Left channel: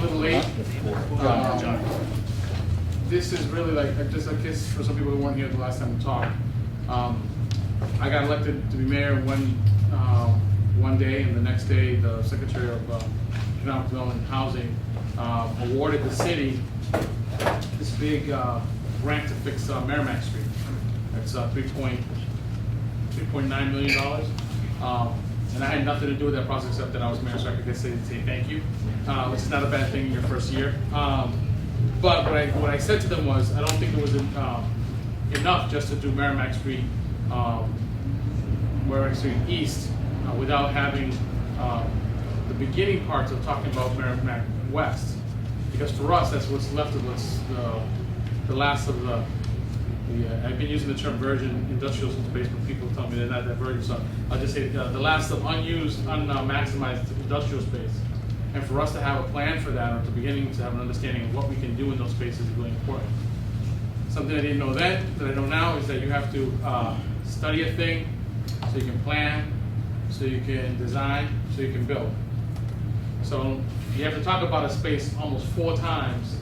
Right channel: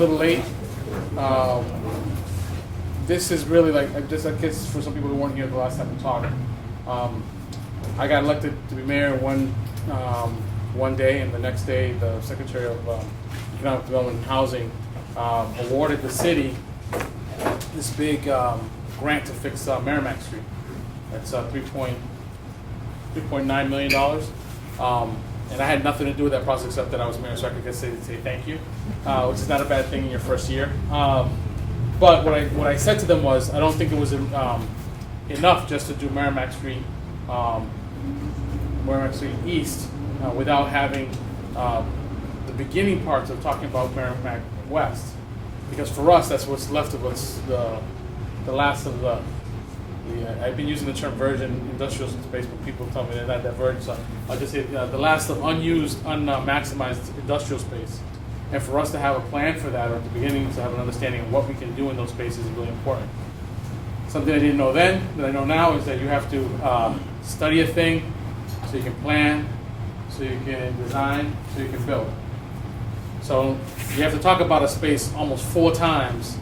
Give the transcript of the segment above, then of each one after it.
little late. This is really like, I guess for some people who weren't here the last time we talked, I got elected to be mayor one day, and the next day the Secretary of Economic Development and Housing awarded the city this big grant to fix Merrimack Street. It's $3.9 million. And I had nothing to do with that process except that I was mayor, so I could say thank you, which is not a bad thing in your first year. But what I said to them was, I don't think it was enough just to do Merrimack Street East without having the beginning parts of talking about Merrimack West, because for us that's what's left of us, the last of the I've been using the term virgin industrial space, but people tell me they're not that virgin, so I'll just say the last of unused, unmaximized industrial space. And for us to have a plan for that at the beginning, to have an understanding of what we can do in those spaces is really important. Something I didn't know then, that I know now, is that you have to study a thing so you can plan, so you can design, so you can build. So you have to talk about a space almost 4 times.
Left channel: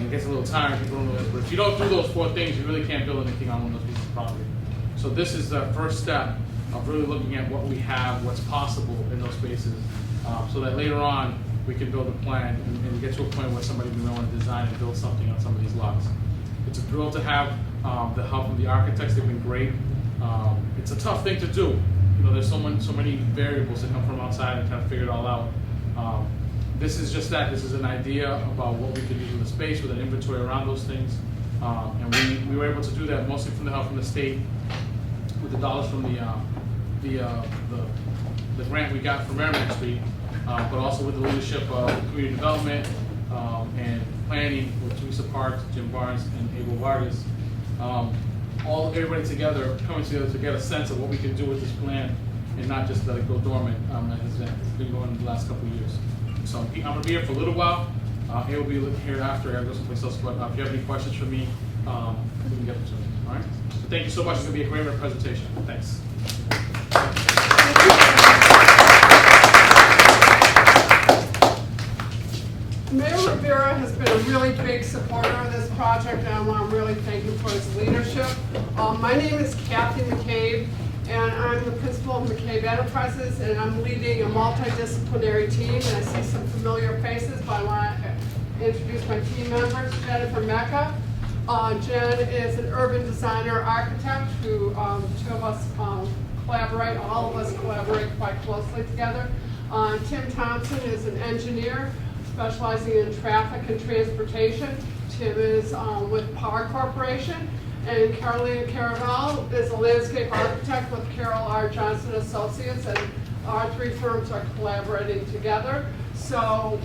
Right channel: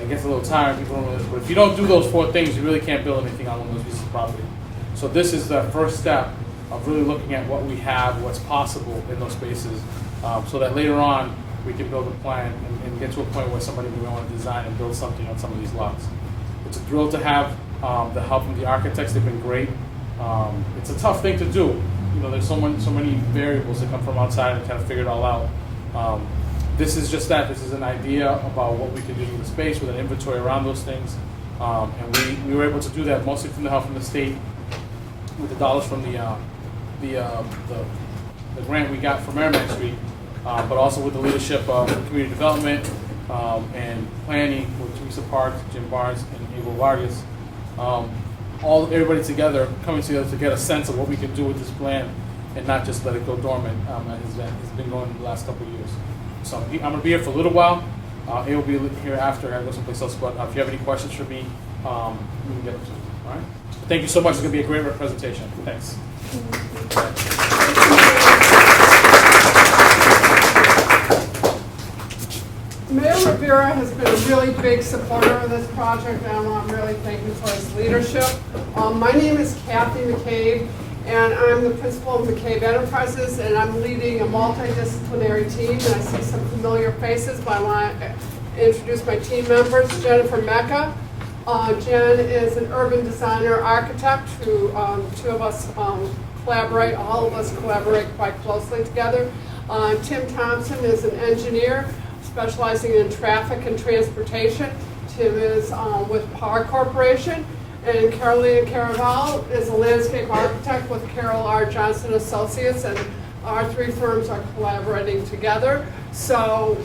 It gets a little tired, people don't know this, but if you don't do those 4 things, you really can't build anything on one of those pieces of property. So this is the first step of really looking at what we have, what's possible in those spaces, so that later on we can build a plan and get to a point where somebody will want to design and build something on some of these lots. It's a thrill to have the help from the architects. They've been great. It's a tough thing to do. You know, there's so many variables that come from outside and kind of figure it all out. This is just that. This is an idea about what we could do in the space with an inventory around those things. And we were able to do that mostly from the help from the state with the dollars from the grant we got from Merrimack Street, but also with the leadership of community development and planning with Teresa Parks, Jim Barnes, and Abel Vargas. Everybody together, coming together to get a sense of what we can do with this plan and not just let it go dormant. It's been going in the last couple of years. So I'm going to be here for a little while. He will be here after I go someplace else. But if you have any questions for me, we can get to it. All right. Thank you so much. It's going to be a great presentation. Thanks. Mayor Rivera has been a really big supporter of this project, and I want to really thank him for his leadership. My name is Kathy McCabe, and I'm the principal of McCabe Enterprises, and I'm leading a multidisciplinary team, and I see some familiar faces, but I want to introduce my team members. Jennifer Mecca. Jen is an urban designer architect who 2 of us collaborate, all of us collaborate quite closely together. Tim Thompson is an engineer specializing in traffic and transportation. Tim is with Power Corporation. And Carolina Caraval is a landscape architect with Carol R. Johnson Associates, and our 3 firms are collaborating together. So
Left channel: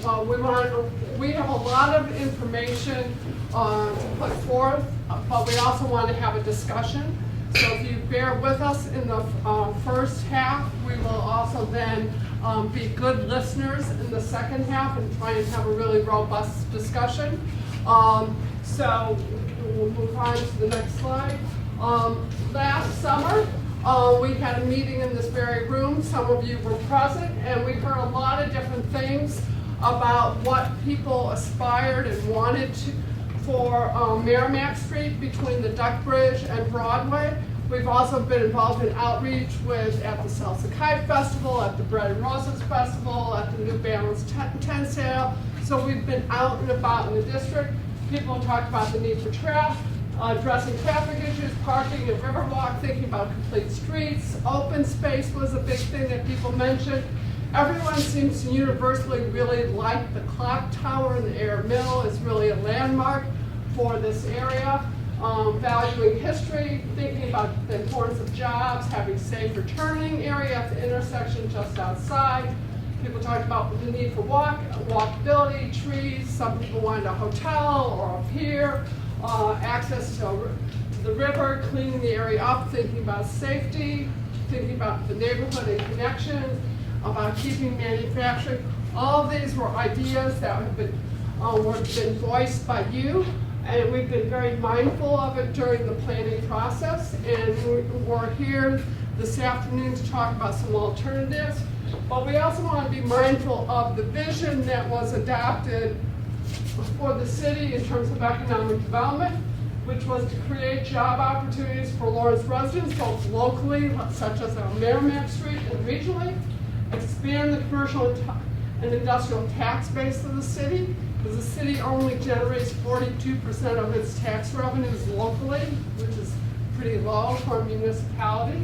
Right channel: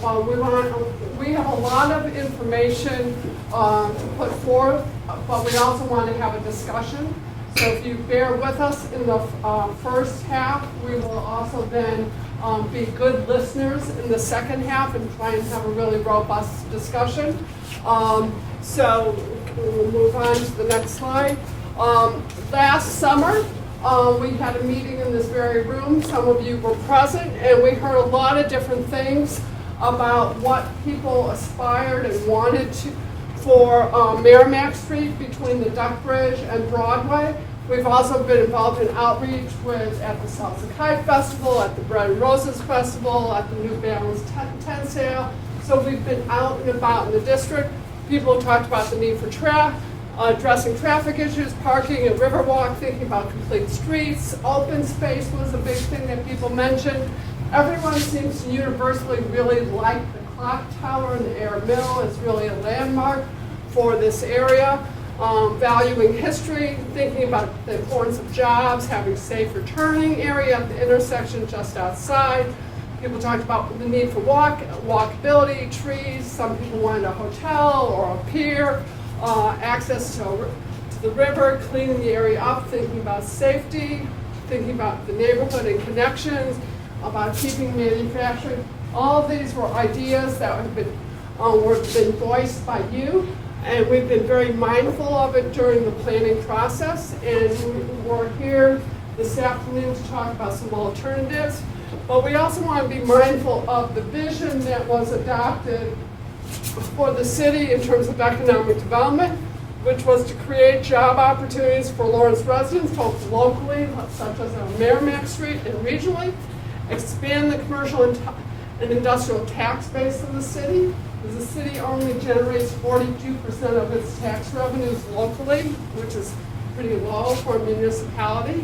we have a lot of information to put forth, but we also want to have a discussion. So if you bear with us in the first half, we will also then be good listeners in the second half and try and have a really robust discussion. So we'll move on to the next slide. Last summer, we had a meeting in this very room. Some of you were present, and we heard a lot of different things about what people aspired and wanted for Merrimack Street between the Duck Bridge and Broadway. We've also been involved in outreach at the Salsa Kite Festival, at the Bread and Roses Festival, at the New Balance tent sale. So we've been out and about in the district. People have talked about the need for addressing traffic issues, parking and riverwalk, thinking about complete streets. Open space was a big thing that people mentioned. Everyone seems to universally really like the clock tower in the Air Mill. It's really a landmark for this area. Valuing history, thinking about the importance of jobs, having safe returning area at the intersection just outside. People talked about the need for walkability, trees. Some people wanted a hotel or a pier, access to the river, cleaning the area up, thinking about safety, thinking about the neighborhood and connections, about keeping manufacturing. All of these were ideas that have been voiced by you, and we've been very mindful of it during the planning process. And we're here this afternoon to talk about some alternatives. But we also want to be mindful of the vision that was adopted for the city in terms of economic development, which was to create job opportunities for Lawrence residents, both locally, such as on Merrimack Street, and regionally, expand the commercial and industrial tax base of the city, because the city only generates 42% of its tax revenues locally, which is pretty low for a municipality.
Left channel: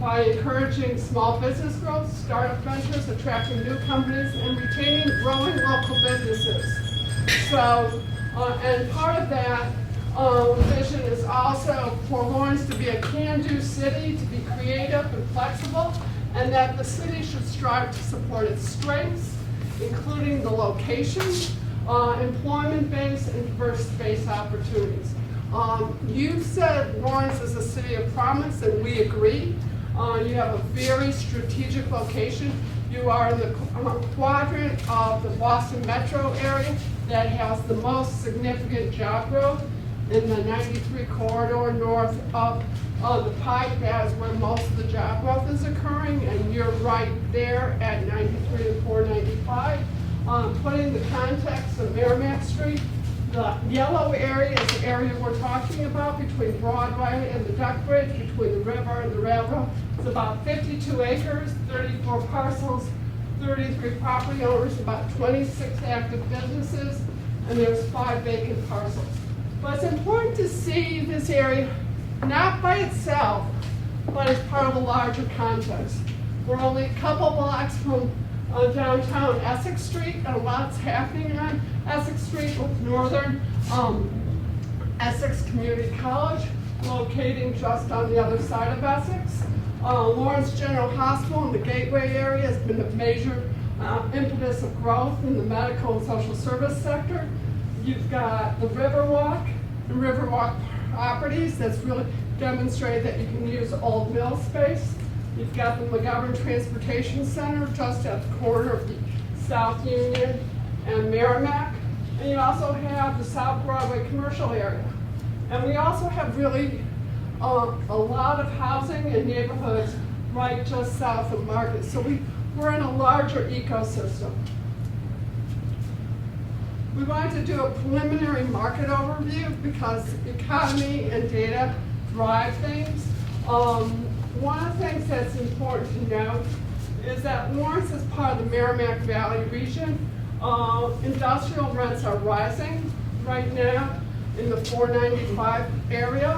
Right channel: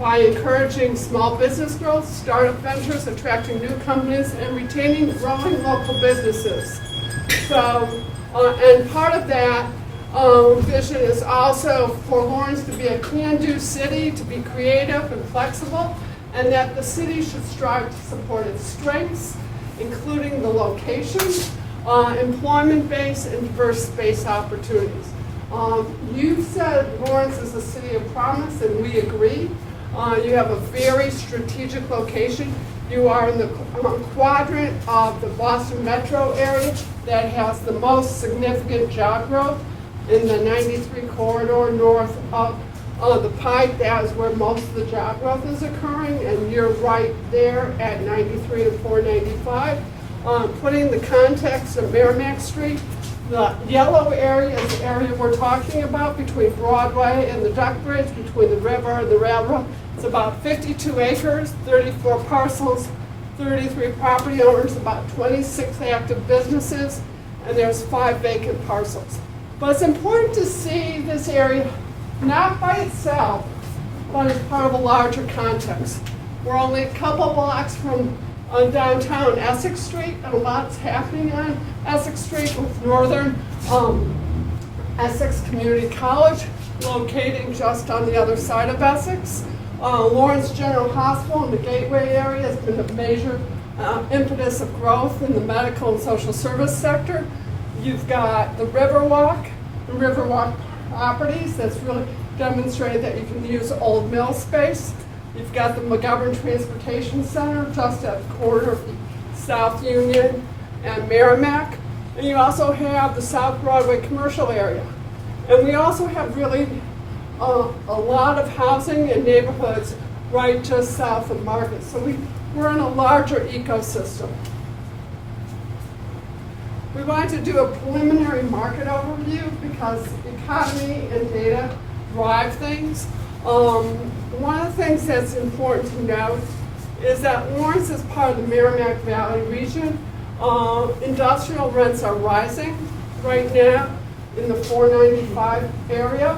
By encouraging small business growth, startup ventures, attracting new companies, and retaining growing local businesses. So, and part of that vision is also for Lawrence to be a can-do city, to be creative and flexible, and that the city should strive to support its strengths, including the location, employment base, and diverse space opportunities. You've said Lawrence is a city of promise, and we agree. You have a very strategic location. You are in the quadrant of the Boston metro area that has the most significant job growth in the 93 corridor north of the Pike. That is where most of the job growth is occurring, and you're right there at 93 and 495. Putting the context of Merrimack Street, the yellow area is the area we're talking about between Broadway and the Duck Bridge, between the river and the railroad. It's about 52 acres, 34 parcels, 33 property owners, about 26 active businesses, and there's 5 vacant parcels. But it's important to see this area not by itself, but as part of a larger context. We're only a couple blocks from downtown Essex Street, and a lot's happening on Essex Street with Northern Essex Community College, located just on the other side of Essex. Lawrence General Hospital in the Gateway area has been a major impetus of growth in the medical and social service sector. You've got the Riverwalk and Riverwalk properties that's really demonstrated that you can use old mill space. You've got the McGovern Transportation Center just at the corner of South Union and Merrimack. And you also have the South Broadway commercial area. And we also have really a lot of housing and neighborhoods right just south of Market. So we're in a larger ecosystem. We wanted to do a preliminary market overview because economy and data drive things. One of the things that's important to note is that Lawrence is part of the Merrimack Valley region. Industrial rents are rising right now in the 495 area.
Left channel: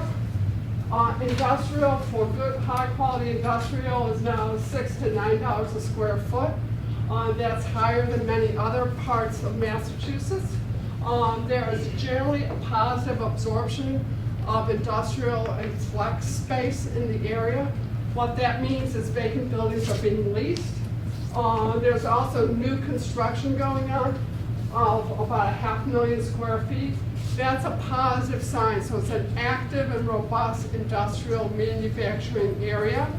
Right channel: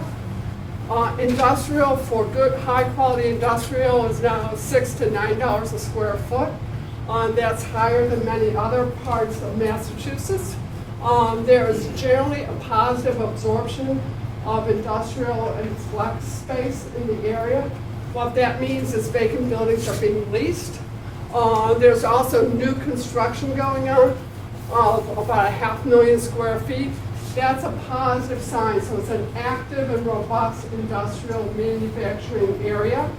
Industrial, for good, high-quality industrial, is now $6 to $9 a square foot. That's higher than many other parts of Massachusetts. There is generally a positive absorption of industrial and flex space in the area. What that means is vacant buildings are being leased. There's also new construction going on of about 500,000 square feet. That's a positive sign, so it's an active and robust industrial manufacturing area.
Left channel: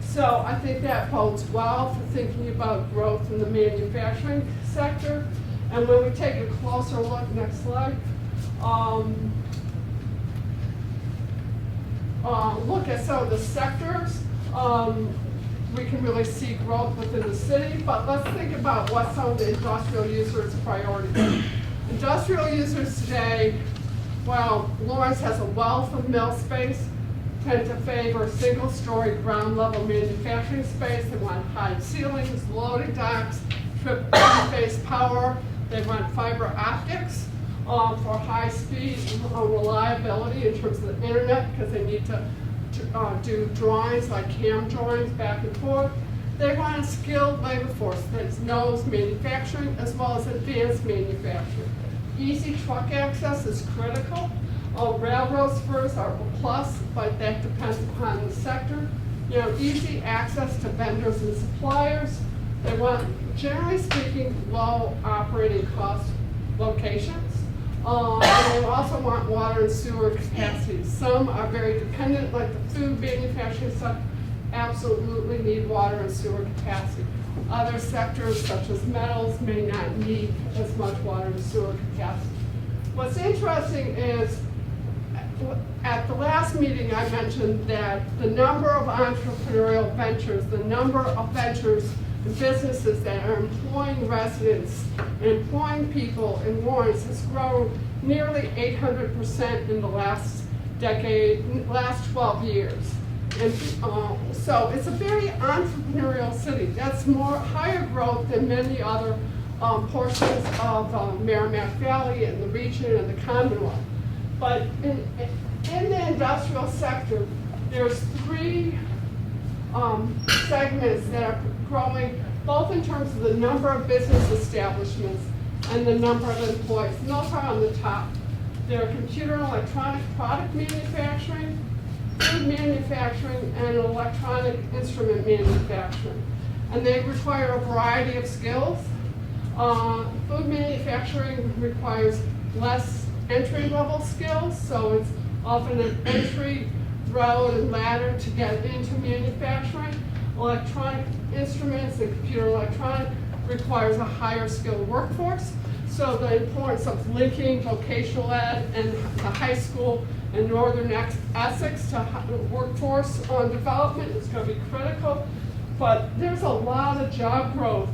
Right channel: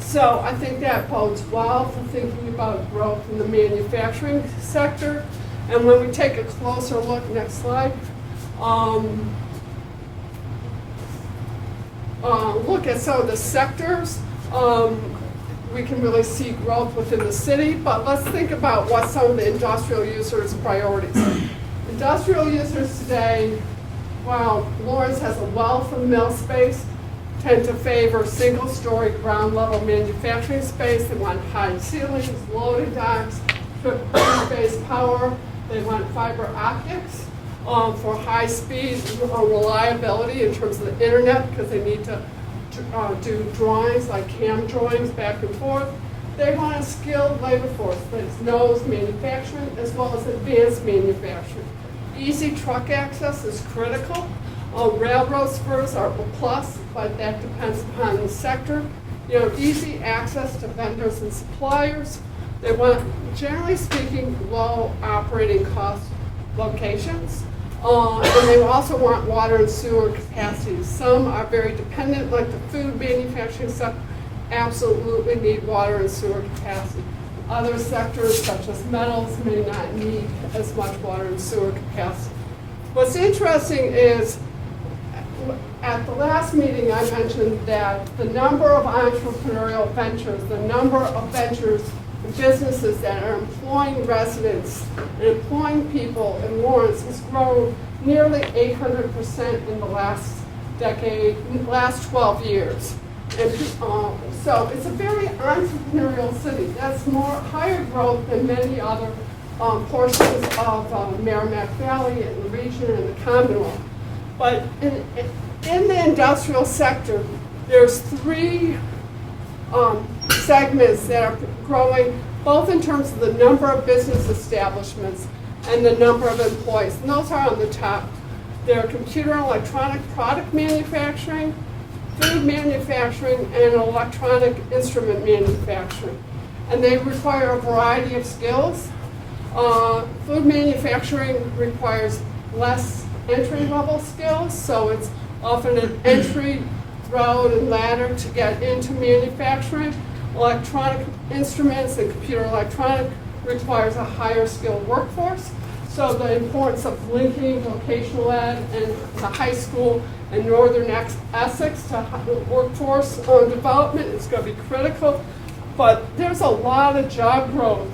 So I think that bodes well for thinking about growth in the manufacturing sector. And when we take a closer look, next slide, look at some of the sectors, we can really see growth within the city, but let's think about what some of the industrial users' priorities are. Industrial users today, while Lawrence has a wealth of mill space, tend to favor single-story ground-level manufacturing space. They want high ceilings, loading docks, triple-phase power. They want fiber optics for high-speed reliability in terms of the internet, because they need to do drawings like CAM drawings back and forth. They want a skilled labor force that knows manufacturing as well as advanced manufacturing. Easy truck access is critical. Railroad spurs are a plus, but that depends upon the sector. You know, easy access to vendors and suppliers. They want, generally speaking, low operating cost locations. And they also want water and sewer capacity. Some are very dependent, like the food manufacturing sector, absolutely need water and sewer capacity. Other sectors, such as metals, may not need as much water and sewer capacity. What's interesting is at the last meeting, I mentioned that the number of entrepreneurial ventures, the number of ventures and businesses that are employing residents and employing people in Lawrence has grown nearly 800% in the last decade, last 12 years. And so it's a very entrepreneurial city. That's higher growth than many other portions of Merrimack Valley and the region and the Commonwealth. But in the industrial sector, there's three segments that are growing, both in terms of the number of business establishments and the number of employees. And those are on the top. They're computer and electronic product manufacturing, food manufacturing, and electronic instrument manufacturing. And they require a variety of skills. Food manufacturing requires less entry-level skills, so it's often an entry road and ladder to get into manufacturing. Electronic instruments and computer electronic requires a higher skilled workforce. So the importance of linking vocational ed and the high school in northern Essex to workforce development is going to be critical. But there's a lot of job growth,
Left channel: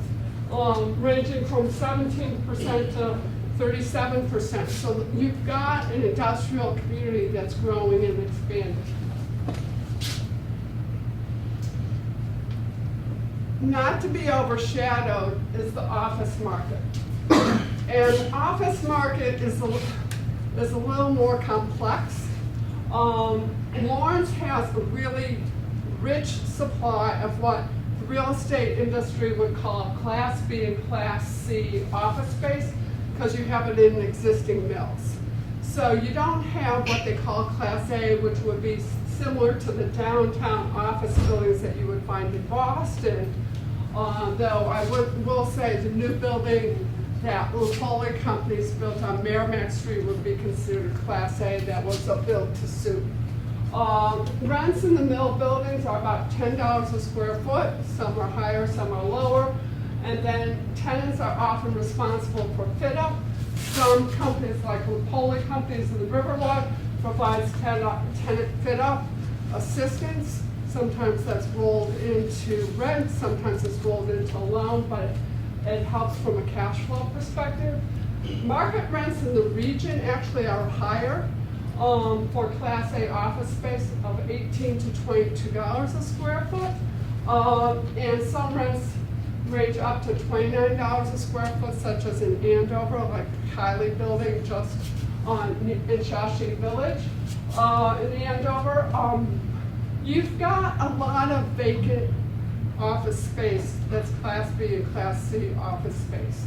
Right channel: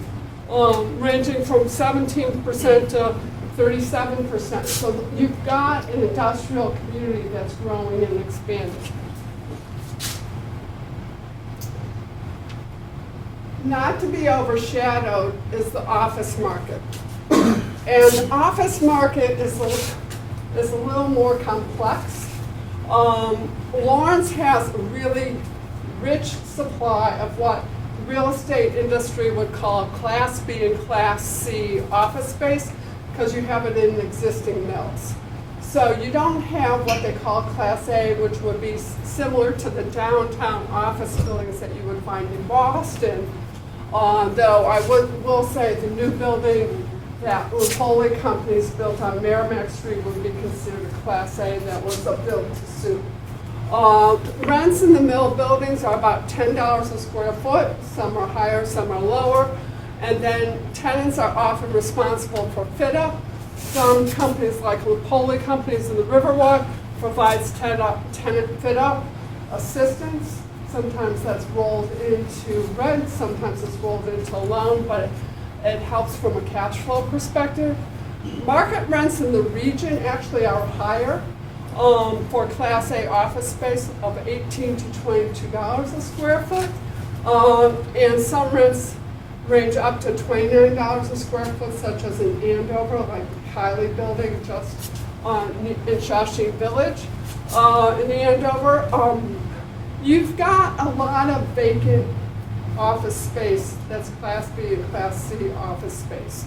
ranging from 17% to 37%. So you've got an industrial community that's growing and expanding. Not to be overshadowed is the office market. And the office market is a little more complex. Lawrence has a really rich supply of what the real estate industry would call Class B and Class C office space, because you have it in existing mills. So you don't have what they call Class A, which would be similar to the downtown office buildings that you would find in Boston. Though I will say the new building that Lupoli Companies built on Merrimack Street would be considered Class A. That was a built to suit. Rents in the mill buildings are about $10 a square foot. Some are higher, some are lower. And then tenants are often responsible for fit up. Some companies like Lupoli Companies in the Riverwalk provides tenant fit up assistance. Sometimes that's rolled into rent, sometimes it's rolled into a loan, but it helps from a cash flow perspective. Market rents in the region actually are higher for Class A office space of $18 to $22 a square foot. And some rents range up to $29 a square foot, such as in Andover, like Kylie Building just in Shawshing Village. In Andover, you've got a lot of vacant office space that's Class B and Class C office space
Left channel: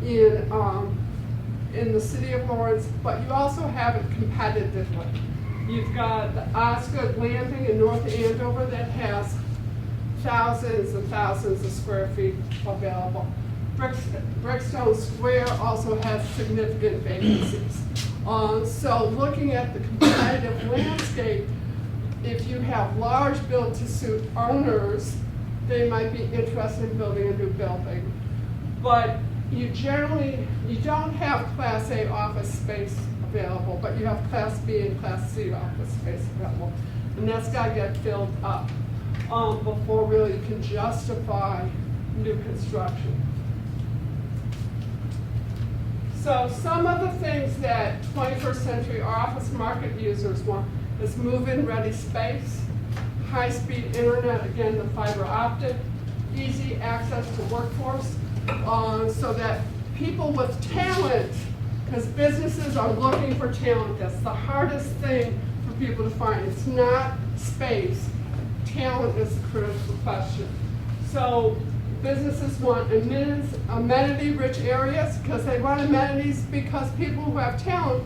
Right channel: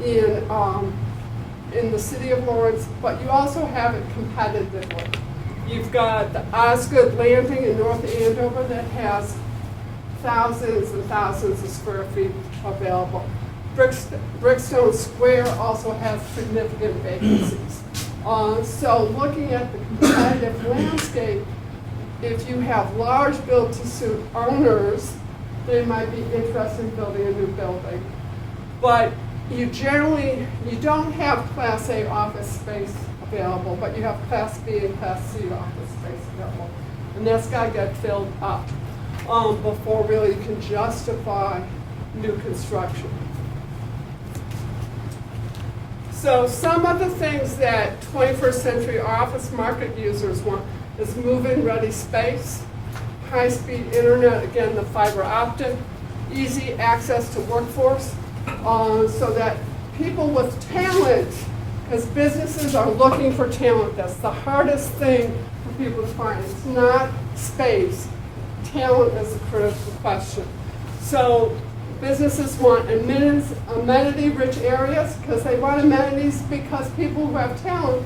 in the city of Lawrence, but you also have it competitively. You've got the Osgood Landing in North Andover that has thousands and thousands of square feet available. Brickstone Square also has significant vacancies. So looking at the competitive landscape, if you have large build-to-suit owners, they might be interested in building a new building. But you don't have Class A office space available, but you have Class B and Class C office space available. And that's got to get filled up before really you can justify new construction. So some of the things that 21st century office market users want is move-in ready space, high-speed internet, again the fiber optic, easy access to workforce, so that people with talent, because businesses are looking for talent, that's the hardest thing for people to find. It's not space. Talent is a critical question. So businesses want amenity-rich areas, because they want amenities because people who have talent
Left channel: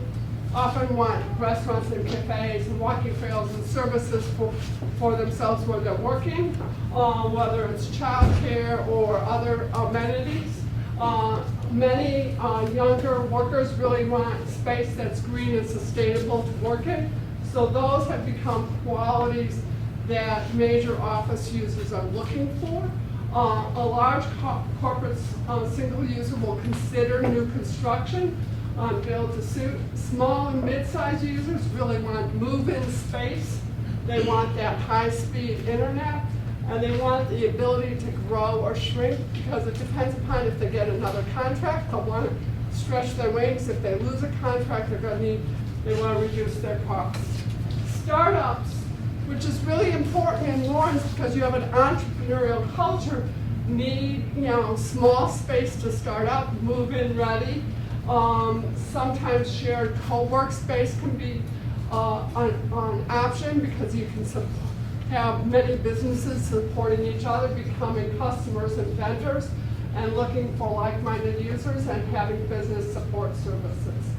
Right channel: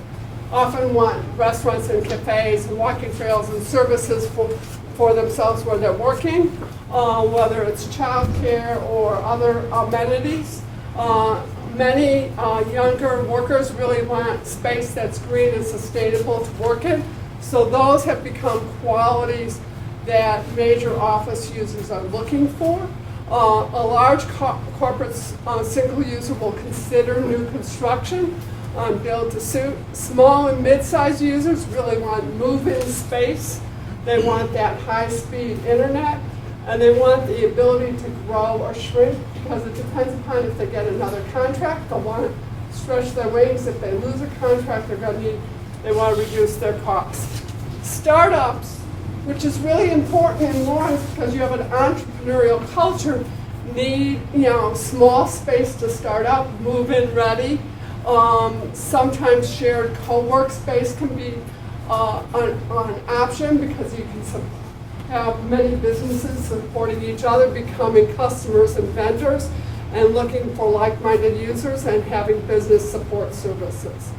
often want restaurants and cafes and walking trails and services for themselves where they're working, whether it's childcare or other amenities. Many younger workers really want space that's green and sustainable to work in. So those have become qualities that major office users are looking for. A large corporate single user will consider new construction on build to suit. Small and mid-sized users really want move-in space. They want that high-speed internet, and they want the ability to grow or shrink because it depends upon if they get another contract. They'll want to stretch their wings. If they lose a contract, they want to reduce their costs. Startups, which is really important in Lawrence because you have an entrepreneurial culture, need small space to start up, move-in ready. Sometimes shared co-work space can be an option because you can have many businesses supporting each other, becoming customers and vendors, and looking for like-minded users and having business support services.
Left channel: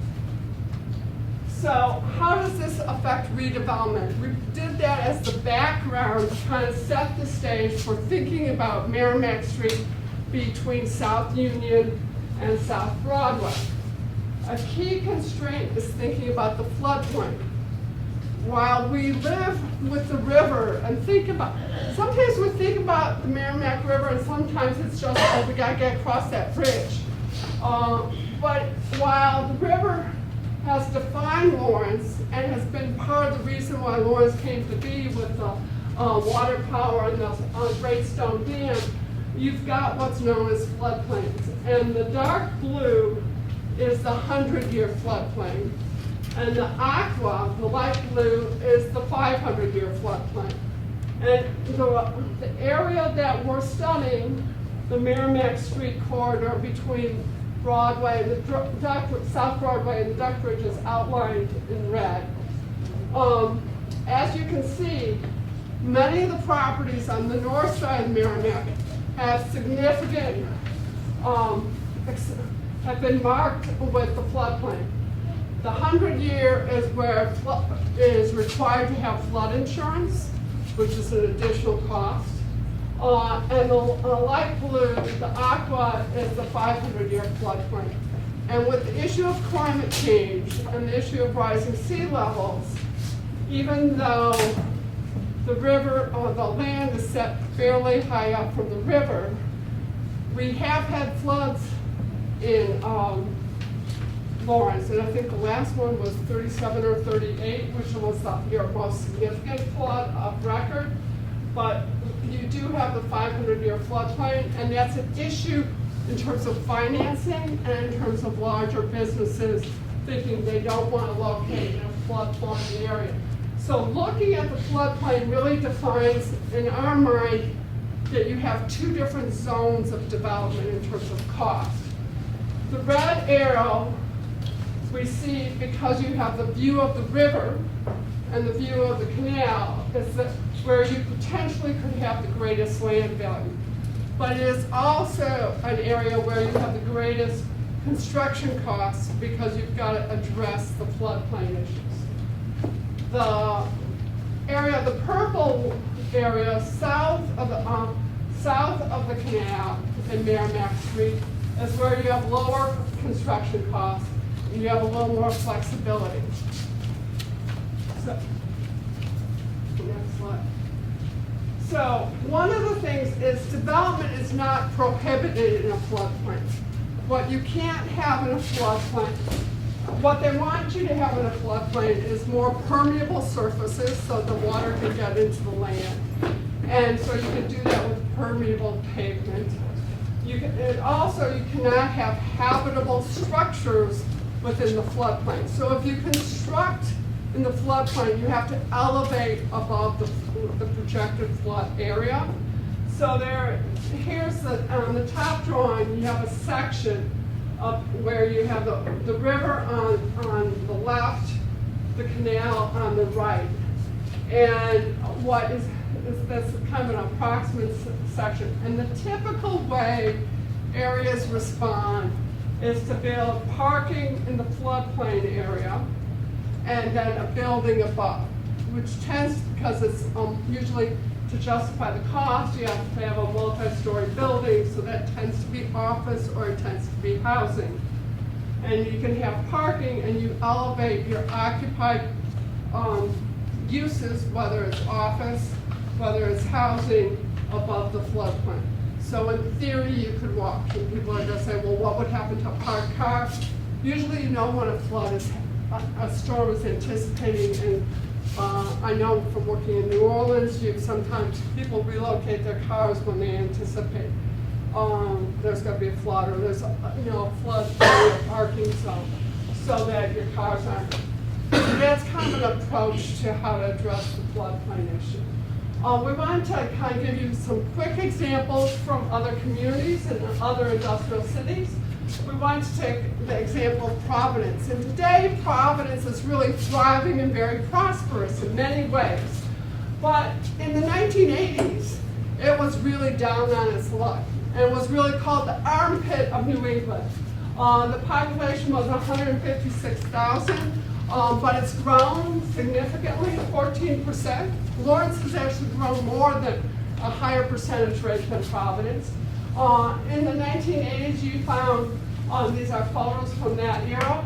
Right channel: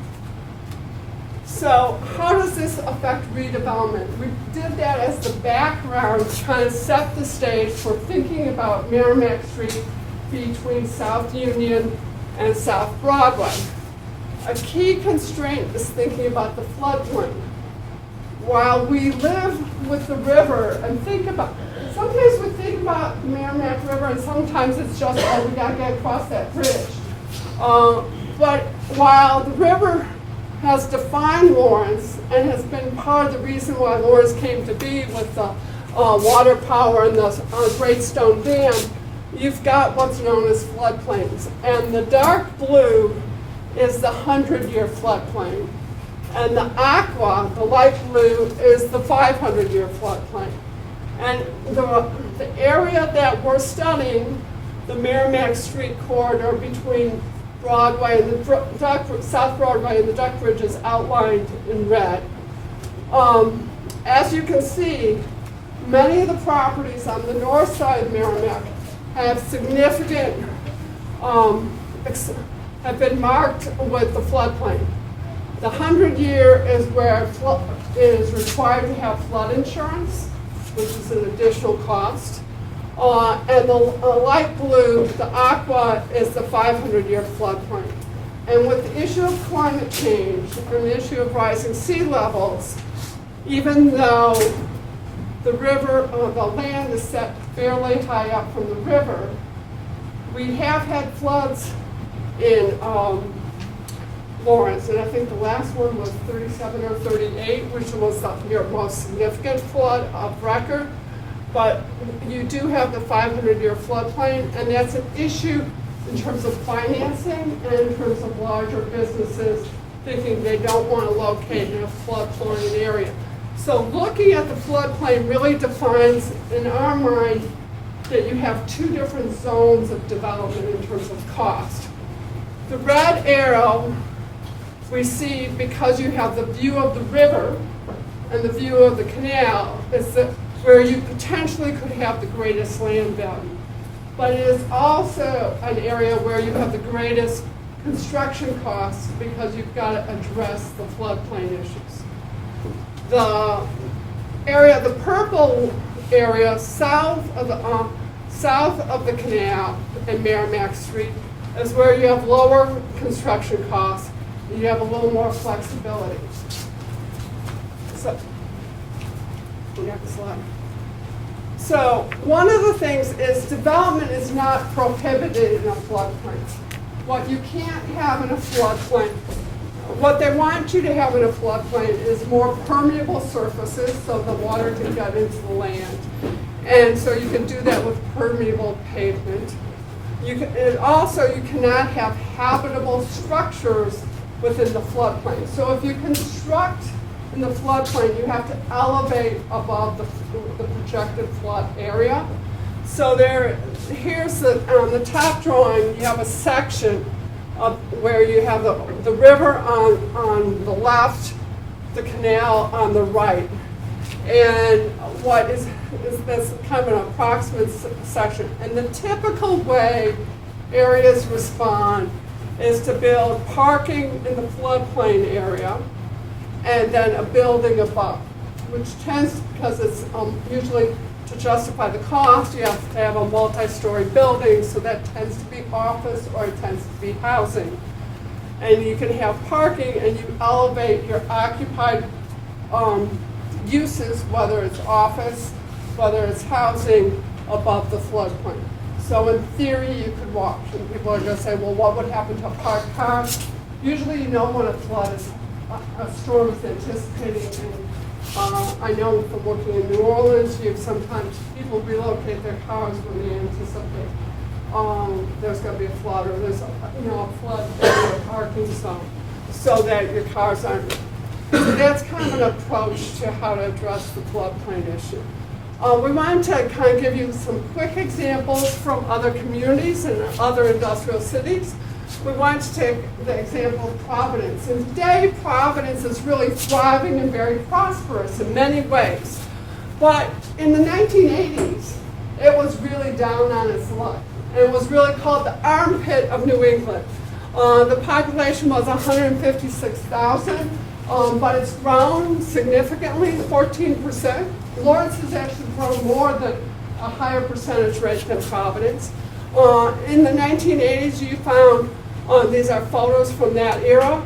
So how does this affect redevelopment? We did that as the background to kind of set the stage for thinking about Merrimack Street between South Union and South Broadway. A key constraint is thinking about the floodplain. While we live with the river and sometimes we think about the Merrimack River and sometimes it's just, oh, we gotta get across that bridge. But while the river has defined Lawrence and has been part of the reason why Lawrence came to be with the water power and the Great Stone Dam, you've got what's known as floodplains. And the dark blue is the 100-year floodplain. And the aqua, the light blue, is the 500-year floodplain. And the area that we're studying, the Merrimack Street corridor between Broadway and the South Broadway and the Duck Bridge is outlined in red. As you can see, many of the properties on the north side of Merrimack have significant, have been marked with the floodplain. The 100-year is where it is required to have flood insurance, which is an additional cost. And the light blue, the aqua, is the 500-year floodplain. And with the issue of climate change and the issue of rising sea levels, even though the river, the land is set fairly high up from the river, we have had floods in Lawrence, and I think the last one was 37 or 38, which was the most significant flood of record. But you do have the 500-year floodplain, and that's an issue in terms of financing and in terms of larger businesses thinking they don't want to locate in a flood-plain area. So looking at the floodplain really defines, in our mind, that you have two different zones of development in terms of cost. The red arrow we see, because you have the view of the river and the view of the canal, is where you potentially could have the greatest land value. But it is also an area where you have the greatest construction costs because you've got to address the floodplain issues. The area, the purple area south of the canal and Merrimack Street is where you have lower construction costs and you have a little more flexibility. So, next slide. So one of the things is development is not prohibited in a floodplain. What you can't have in a floodplain, what they want you to have in a floodplain is more permeable surfaces so the water can get into the land. And so you can do that with permeable pavement. You cannot have habitable structures within the floodplain. So if you construct in the floodplain, you have to elevate above the projected flood area. So here's on the top drawing, you have a section of where you have the river on the left, the canal on the right. And what is this kind of an approximate section. And the typical way areas respond is to build parking in the floodplain area and then a building above, which tends, because it's usually to justify the cost, you have to have a multi-story building, so that tends to be office or it tends to be housing. And you can have parking and you elevate your occupied uses, whether it's office, whether it's housing, above the floodplain. So in theory, you could walk. And people are going to say, well, what would happen to a parked car? Usually you know when a flood is, a storm is anticipating, and I know from working in New Orleans, sometimes people relocate their cars when they anticipate there's going to be a flood, or there's a flood parking zone, so that your cars aren't. So that's kind of an approach to how to address the floodplain issue. We wanted to kind of give you some quick examples from other communities and other industrial cities. We wanted to take the example of Providence. And today, Providence is really thriving and very prosperous in many ways. But in the 1980s, it was really down on its luck. And it was really called the armpit of New England. The population was 156,000, but it's grown significantly, 14%. Lawrence has actually grown more than a higher percentage rate than Providence. In the 1980s, you found, these are photos from that era,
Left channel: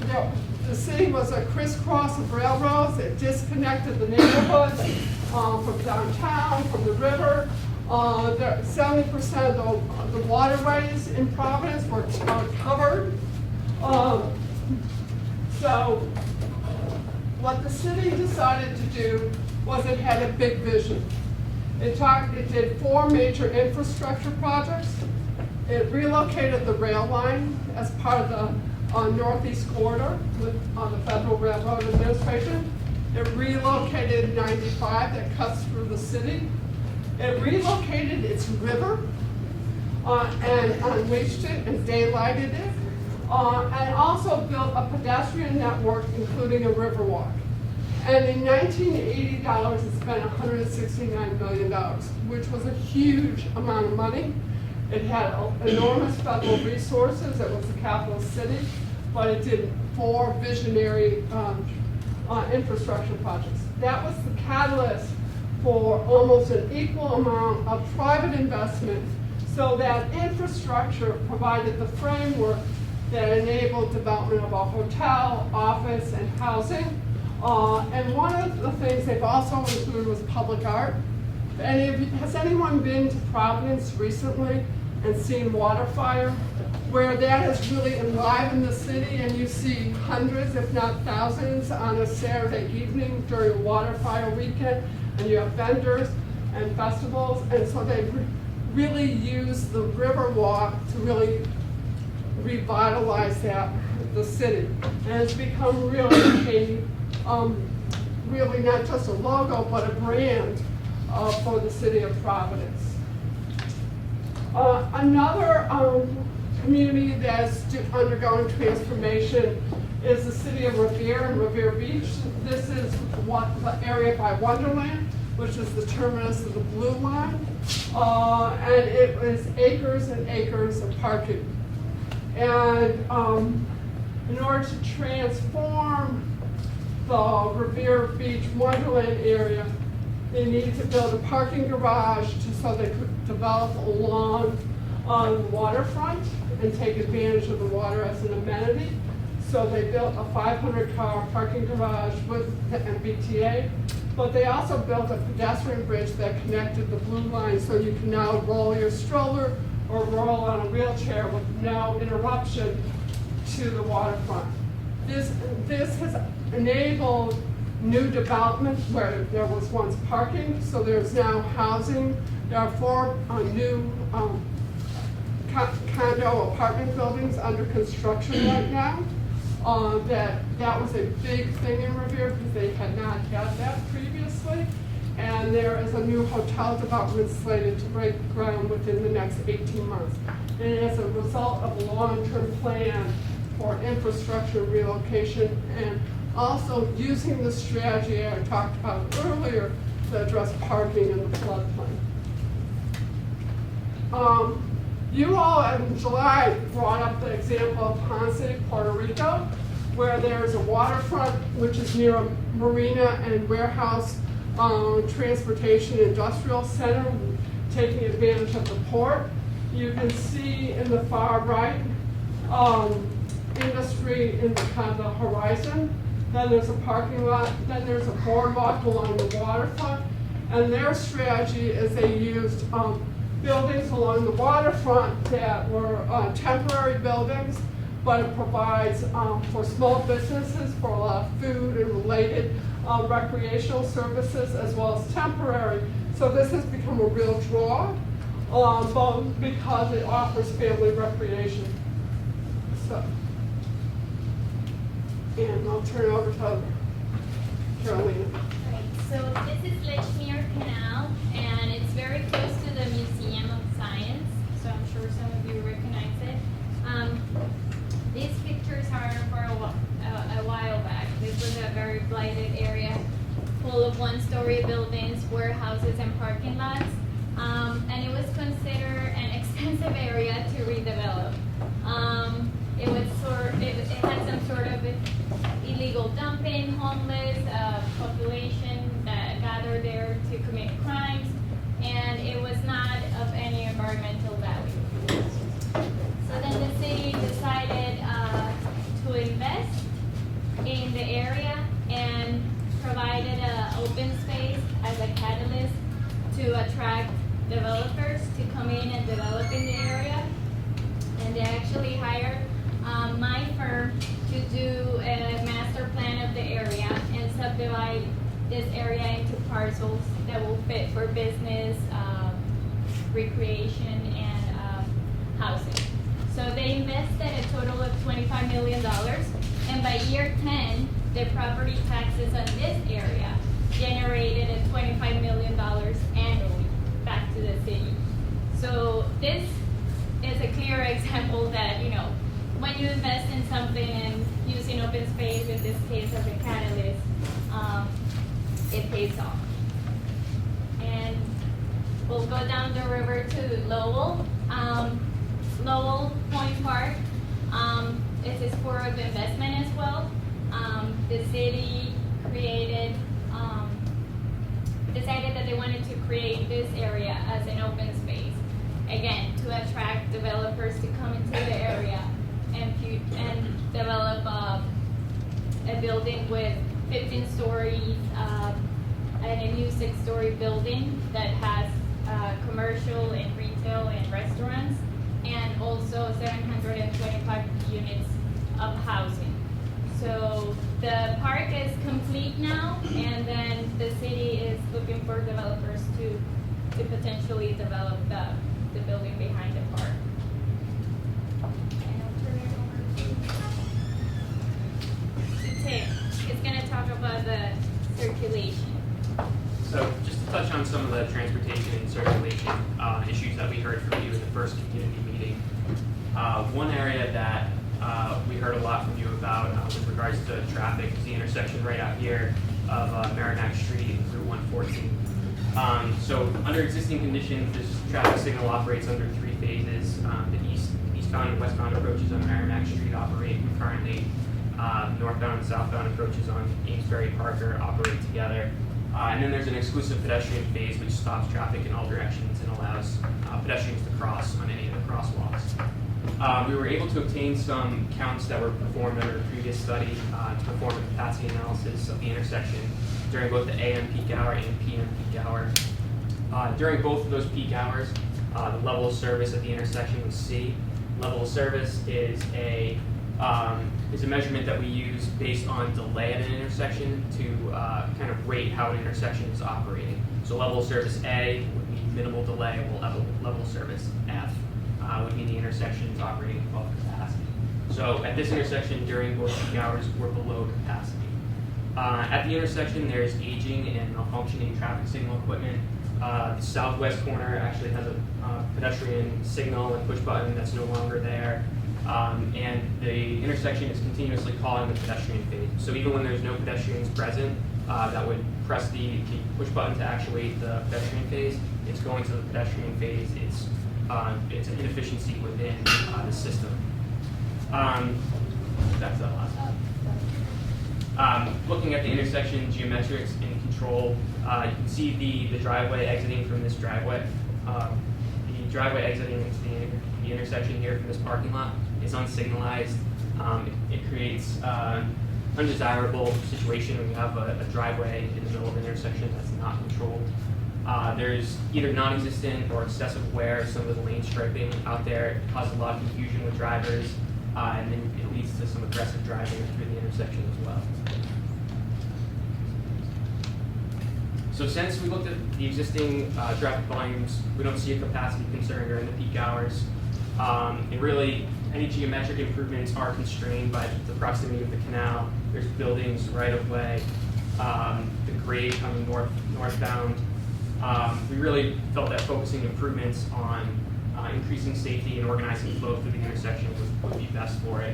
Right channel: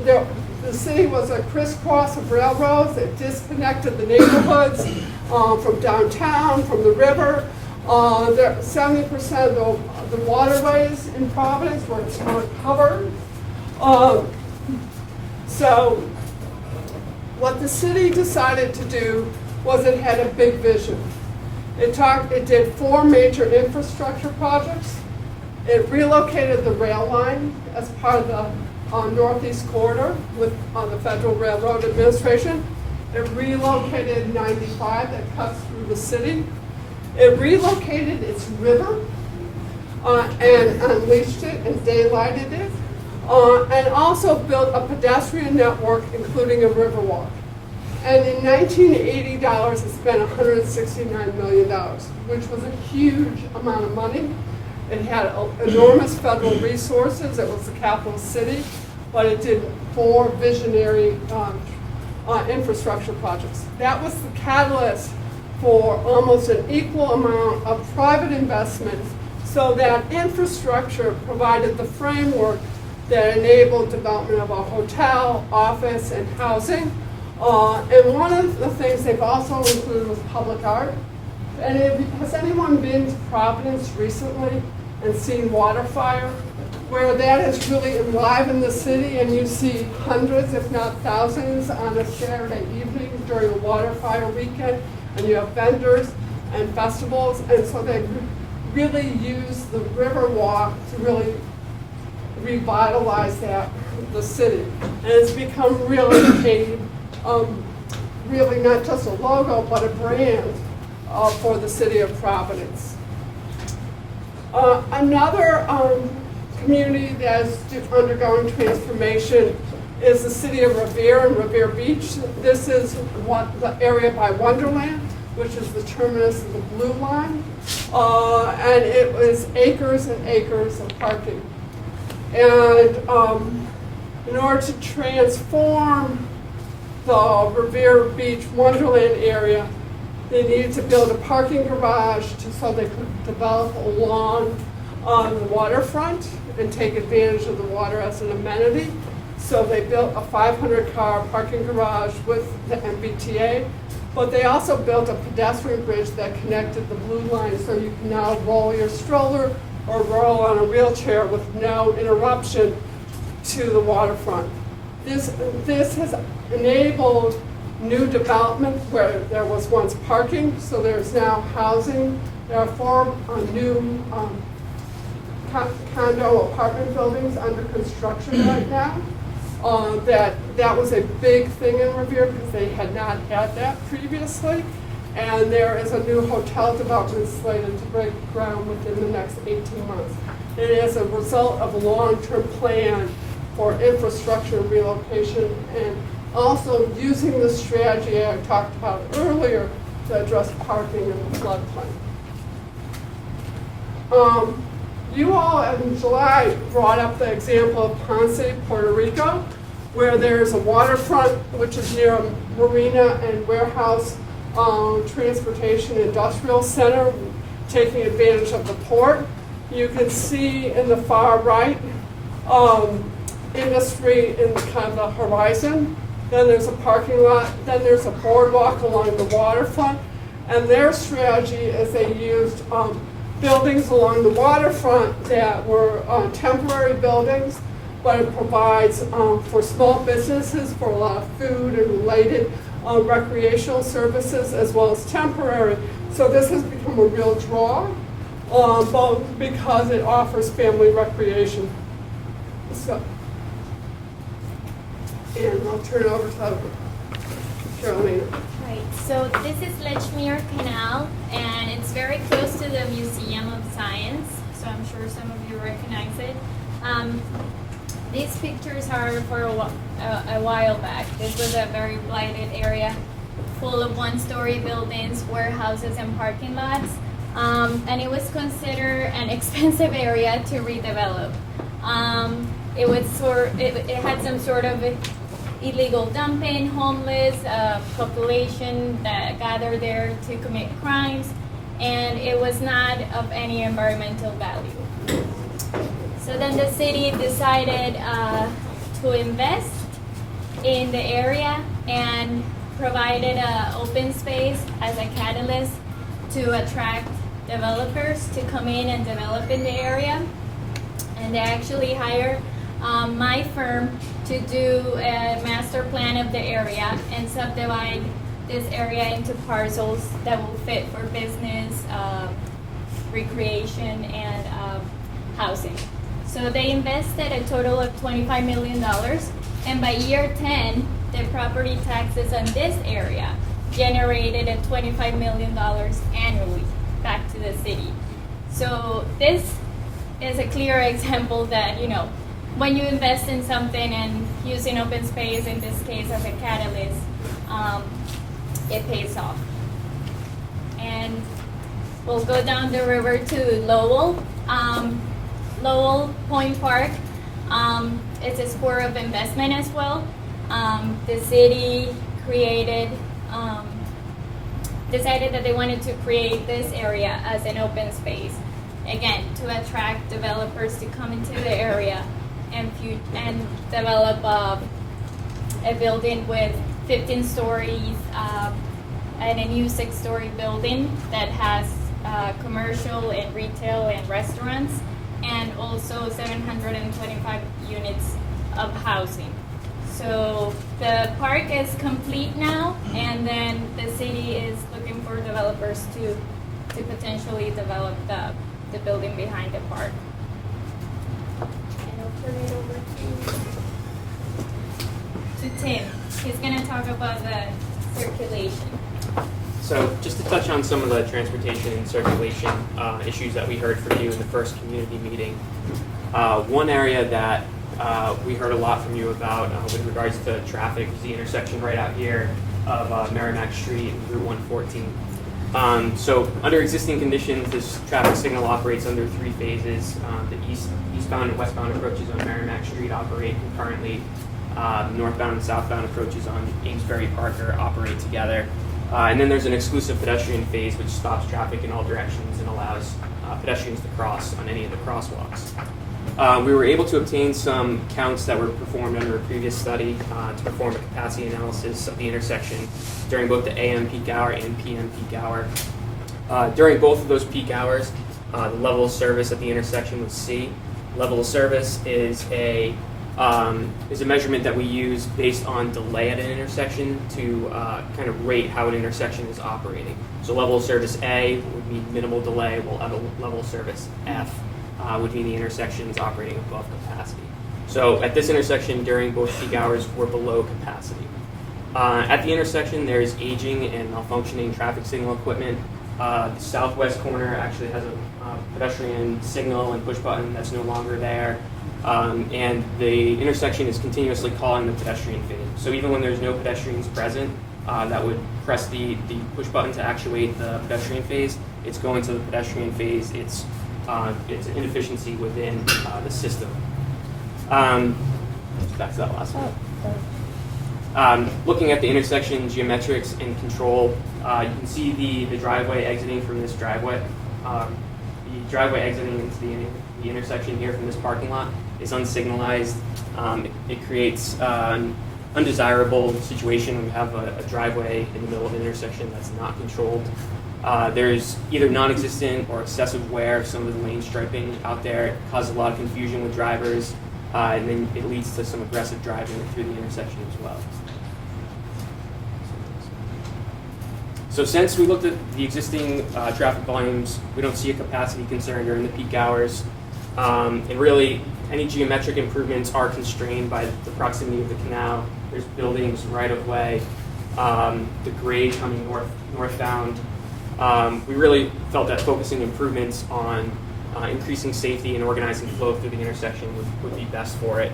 the city was a crisscross of railroads. It disconnected the neighborhoods from downtown, from the river. 70% of the waterways in Providence were covered. So what the city decided to do was it had a big vision. It did 4 major infrastructure projects. It relocated the rail line as part of the Northeast Corridor with the Federal Railroad Administration. It relocated 95 that cuts through the city. It relocated its river and unleashed it and daylighted it, and also built a pedestrian network, including a river walk. And in 1980 dollars, it spent $169 million, which was a huge amount of money. It had enormous federal resources. It was the capital city, but it did 4 visionary infrastructure projects. That was the catalyst for almost an equal amount of private investment, so that infrastructure provided the framework that enabled development of a hotel, office, and housing. And one of the things they've also included was public art. And has anyone been to Providence recently and seen Waterfire, where that has really enlivened the city, and you see hundreds, if not thousands, on a Saturday evening during a Waterfire weekend, and you have vendors and festivals, and so they really use the river walk to really revitalize the city. And it's become really really not just a logo, but a brand for the city of Providence. Another community that's undergoing transformation is the city of Revere and Revere Beach. This is the area by Wonderland, which is the terminus of the Blue Line. And it was acres and acres of parking. And in order to transform the Revere Beach Wonderland area, they needed to build a parking garage so they could develop along the waterfront and take advantage of the water as an amenity. So they built a 500-car parking garage with the MBTA, but they also built a pedestrian bridge that connected the Blue Line, so you can now roll your stroller or roll on a wheelchair with no interruption to the waterfront. This has enabled new development where there was once parking, so there's now housing. There are 4 new condo apartment buildings under construction right now. That was a big thing in Revere because they had not had that previously. And there is a new hotel development slated to break ground within the next 18 months. And as a result of a long-term plan for infrastructure relocation, and also using the strategy I talked about earlier to address parking in the floodplain. You all in July brought up the example of Ponce, Puerto Rico, where there's a waterfront which is near a marina and warehouse transportation industrial center, taking advantage of the port. You can see in the far right industry in kind of the horizon. Then there's a parking lot. Then there's a boardwalk along the waterfront. And their strategy is they used buildings along the waterfront that were temporary buildings but it provides for small businesses for a lot of food and related recreational services as well as temporary. So this has become a real draw, both because it offers family recreation. So, and I'll turn it over to Carolina. Right, so this is Lechmere Canal, and it's very close to the Museum of Science, so I'm sure some of you recognize it. These pictures are for a while back. This was a very blighted area full of one-story buildings, warehouses, and parking lots, and it was considered an expensive area to redevelop. It had some sort of illegal dumping, homeless population that gathered there to commit crimes, and it was not of any environmental value. So then the city decided to invest in the area and provided an open space as a catalyst to attract developers to come in and develop in the area. And they actually hired my firm to do a master plan of the area and subdivide this area into parcels that will fit for business, recreation, and housing. So they invested a total of $25 million, and by year 10, the property taxes on this area generated a $25 million annually back to the city. So this is a clear example that, you know, when you invest in something and using open space, in this case as a catalyst, it pays off. And we'll go down the river to Lowell. Lowell Point Park, it's a spur of investment as well. The city decided that they wanted to create this area as an open space, again, to attract developers to come into the area and develop a building with 15 stories and a new 6-story building that has commercial and retail and restaurants, and also 725 units of housing. So the park is complete now, and then the city is looking for developers to potentially develop the building behind the park. And I'll turn it over to Tim. He's going to talk about the circulation. So just to touch on some of the transportation and circulation issues that we heard from you in the first community meeting. One area that we heard a lot from you about with regards to traffic is the intersection right out here of Merrimack Street and Route 114. So under existing conditions, this traffic signal operates under 3 phases. The eastbound and westbound approaches on Merrimack Street operate concurrently. Northbound and southbound approaches on Amesbury Parker operate together. And then there's an exclusive pedestrian phase which stops traffic in all directions and allows pedestrians to cross on any of the crosswalks. We were able to obtain some counts that were performed under a previous study to perform a capacity analysis of the intersection during both the AM peak hour and PM peak hour. During both of those peak hours, the level of service at the intersection was C. Level of service is a measurement that we use based on delay at an intersection to kind of rate how an intersection is operating. So level of service A would be minimal delay, while level of service F would mean the intersection is operating above capacity. So at this intersection during both peak hours, we're below capacity. At the intersection, there's aging and malfunctioning traffic signal equipment. The southwest corner actually has a pedestrian signal and push button that's no longer there. And the intersection is continuously calling the pedestrian phase. So even when there's no pedestrians present that would press the push button to actuate the pedestrian phase, it's going to the pedestrian phase. It's an inefficiency within the system. Back to that last one. Looking at the intersection geometrics and control, you can see the driveway exiting from this driveway. The driveway exiting into the intersection here from this parking lot is unsignalized. It creates an undesirable situation when we have a driveway in the middle of an intersection that's not controlled. There's either non-existent or excessive wear of some of the lane striping out there. It causes a lot of confusion with drivers. and then it leads to some aggressive driving through the intersection as well. So since we looked at the existing traffic volumes, we don't see a capacity concern during the peak hours. And really, any geometric improvements are constrained by the proximity of the canal. There's buildings right of way, the grade coming northbound. We really felt that focusing improvements on increasing safety and organizing flow through the intersection would be best for it.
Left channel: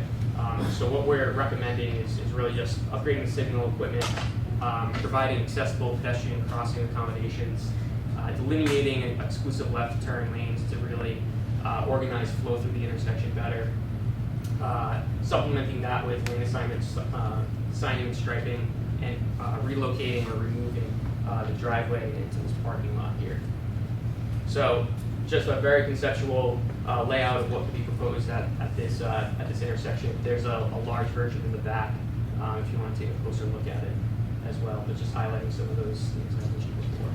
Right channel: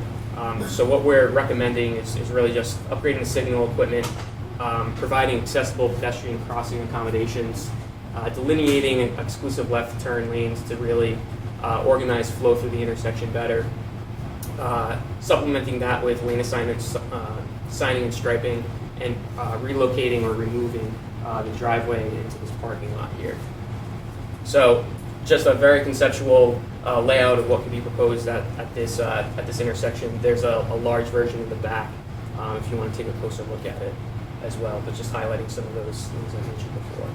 So what we're recommending is really just upgrading the signal equipment, providing accessible pedestrian crossing accommodations, delineating exclusive left turn lanes to really organize flow through the intersection better, supplementing that with lane assignments, signing and striping, and relocating or removing the driveway into this parking lot here. So just a very conceptual layout of what can be proposed at this intersection. There's a large version in the back if you want to take a closer look at it as well, but just highlighting some of those things I mentioned before.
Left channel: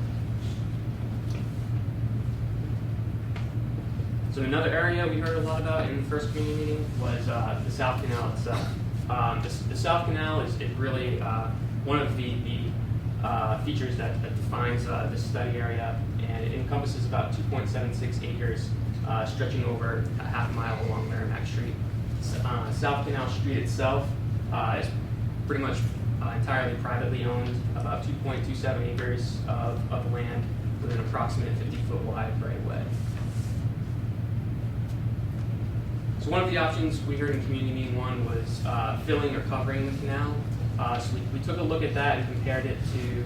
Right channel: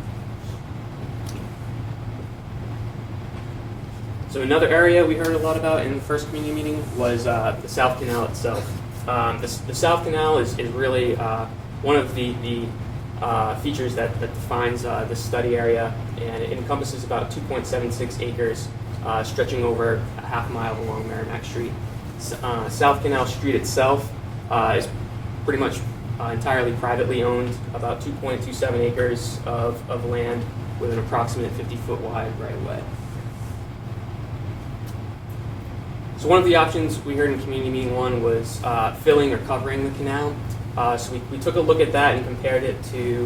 So another area we heard a lot about in the first community meeting was the South Canal itself. The South Canal is really one of the features that defines the study area, and it encompasses about 2.76 acres stretching over a half mile along Merrimack Street. South Canal Street itself is pretty much entirely privately owned, about 2.27 acres of land with an approximate 50-foot wide right-of-way. So one of the options we heard in community meeting one was filling or covering the canal. So we took a look at that and compared it to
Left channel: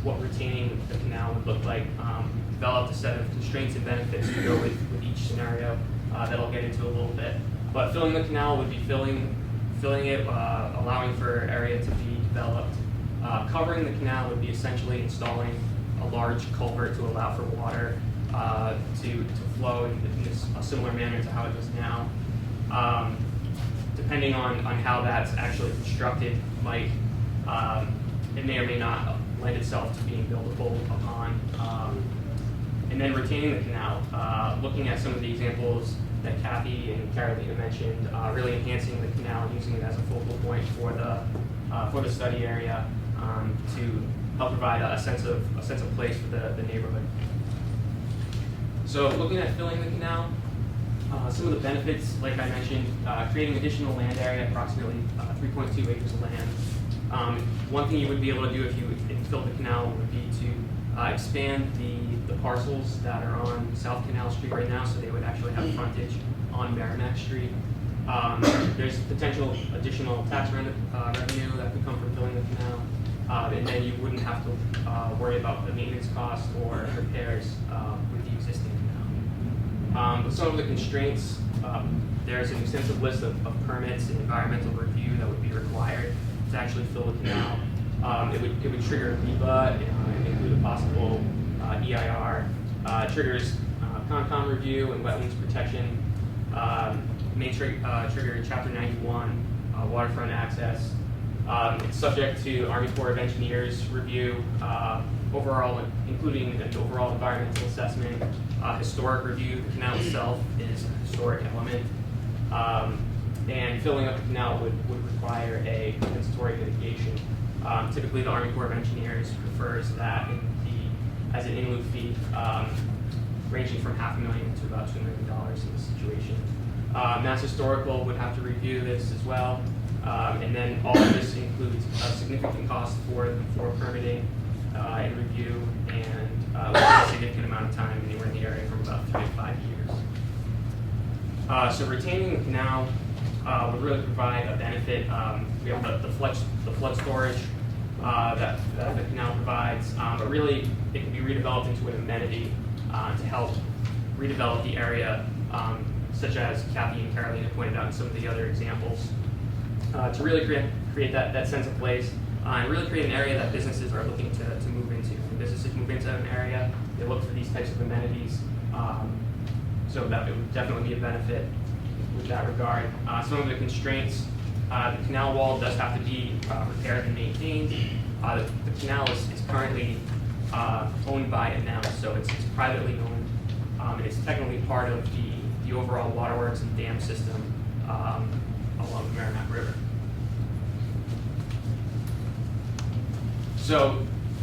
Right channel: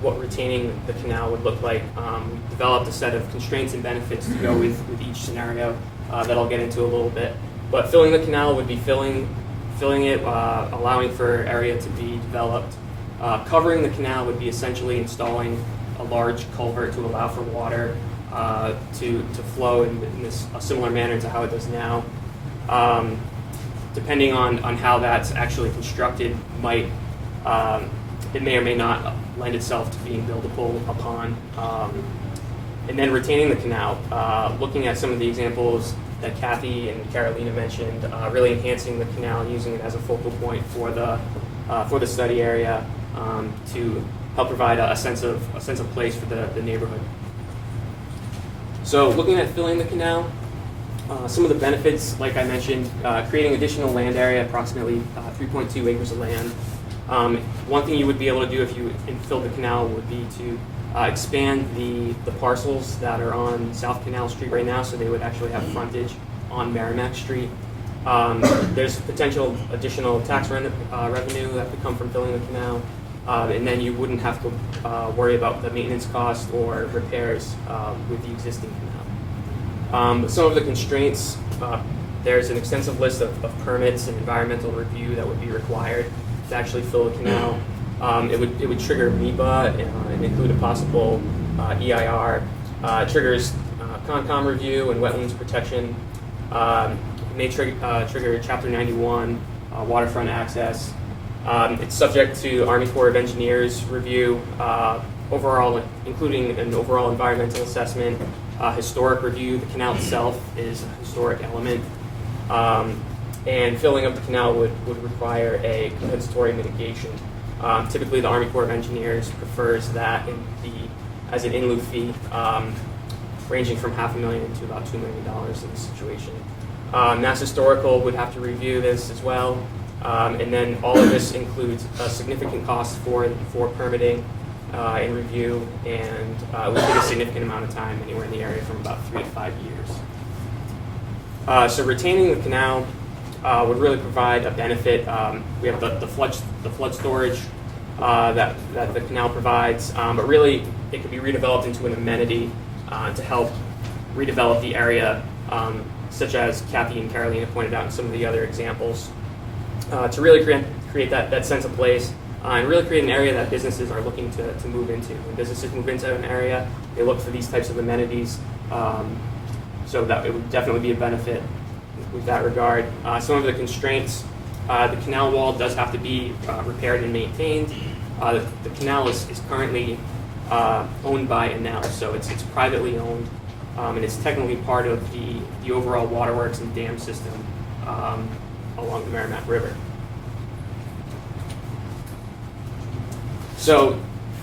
what retaining the canal would look like. We developed a set of constraints and benefits to go with each scenario that I'll get into a little bit. But filling the canal would be filling it, allowing for area to be developed. Covering the canal would be essentially installing a large culvert to allow for water to flow in a similar manner to how it does now. Depending on how that's actually constructed, it may or may not lend itself to being buildable upon. And then retaining the canal, looking at some of the examples that Kathy and Carolina mentioned, really enhancing the canal, using it as a focal point for the study area to help provide a sense of place for the neighborhood. So looking at filling the canal, some of the benefits, like I mentioned, creating additional land area, approximately 3.2 acres of land. One thing you would be able to do if you filled the canal would be to expand the parcels that are on South Canal Street right now, so they would actually have frontage on Merrimack Street. There's potential additional tax revenue that could come from filling the canal, and then you wouldn't have to worry about the maintenance cost or repairs with the existing canal. Some of the constraints, there's an extensive list of permits and environmental review that would be required to actually fill the canal. It would trigger MEPA and include a possible EIR. Triggers Concom review and wetlands protection. May trigger Chapter 91 waterfront access. It's subject to Army Corps of Engineers review, overall, including an overall environmental assessment, historic review. The canal itself is a historic element. And filling up the canal would require a compensatory mitigation. Typically, the Army Corps of Engineers prefers that as an in lieu fee, ranging from $500,000 to about $2 million in this situation. Mass Historical would have to review this as well. And then all of this includes a significant cost for permitting and review, and it would take a significant amount of time, anywhere in the area from about 3 to 5 years. So retaining the canal would really provide a benefit. We have the flood storage that the canal provides, but really it can be redeveloped into an amenity to help redevelop the area, such as Kathy and Carolina pointed out in some of the other examples, to really create that sense of place and really create an area that businesses are looking to move into. When businesses move into an area, they look for these types of amenities, so that it would definitely be a benefit with that regard. Some of the constraints, the canal wall does have to be repaired and maintained. The canal is currently owned by Enel, so it's privately owned, and it's technically part of the overall waterworks and dam system along the Merrimack River. So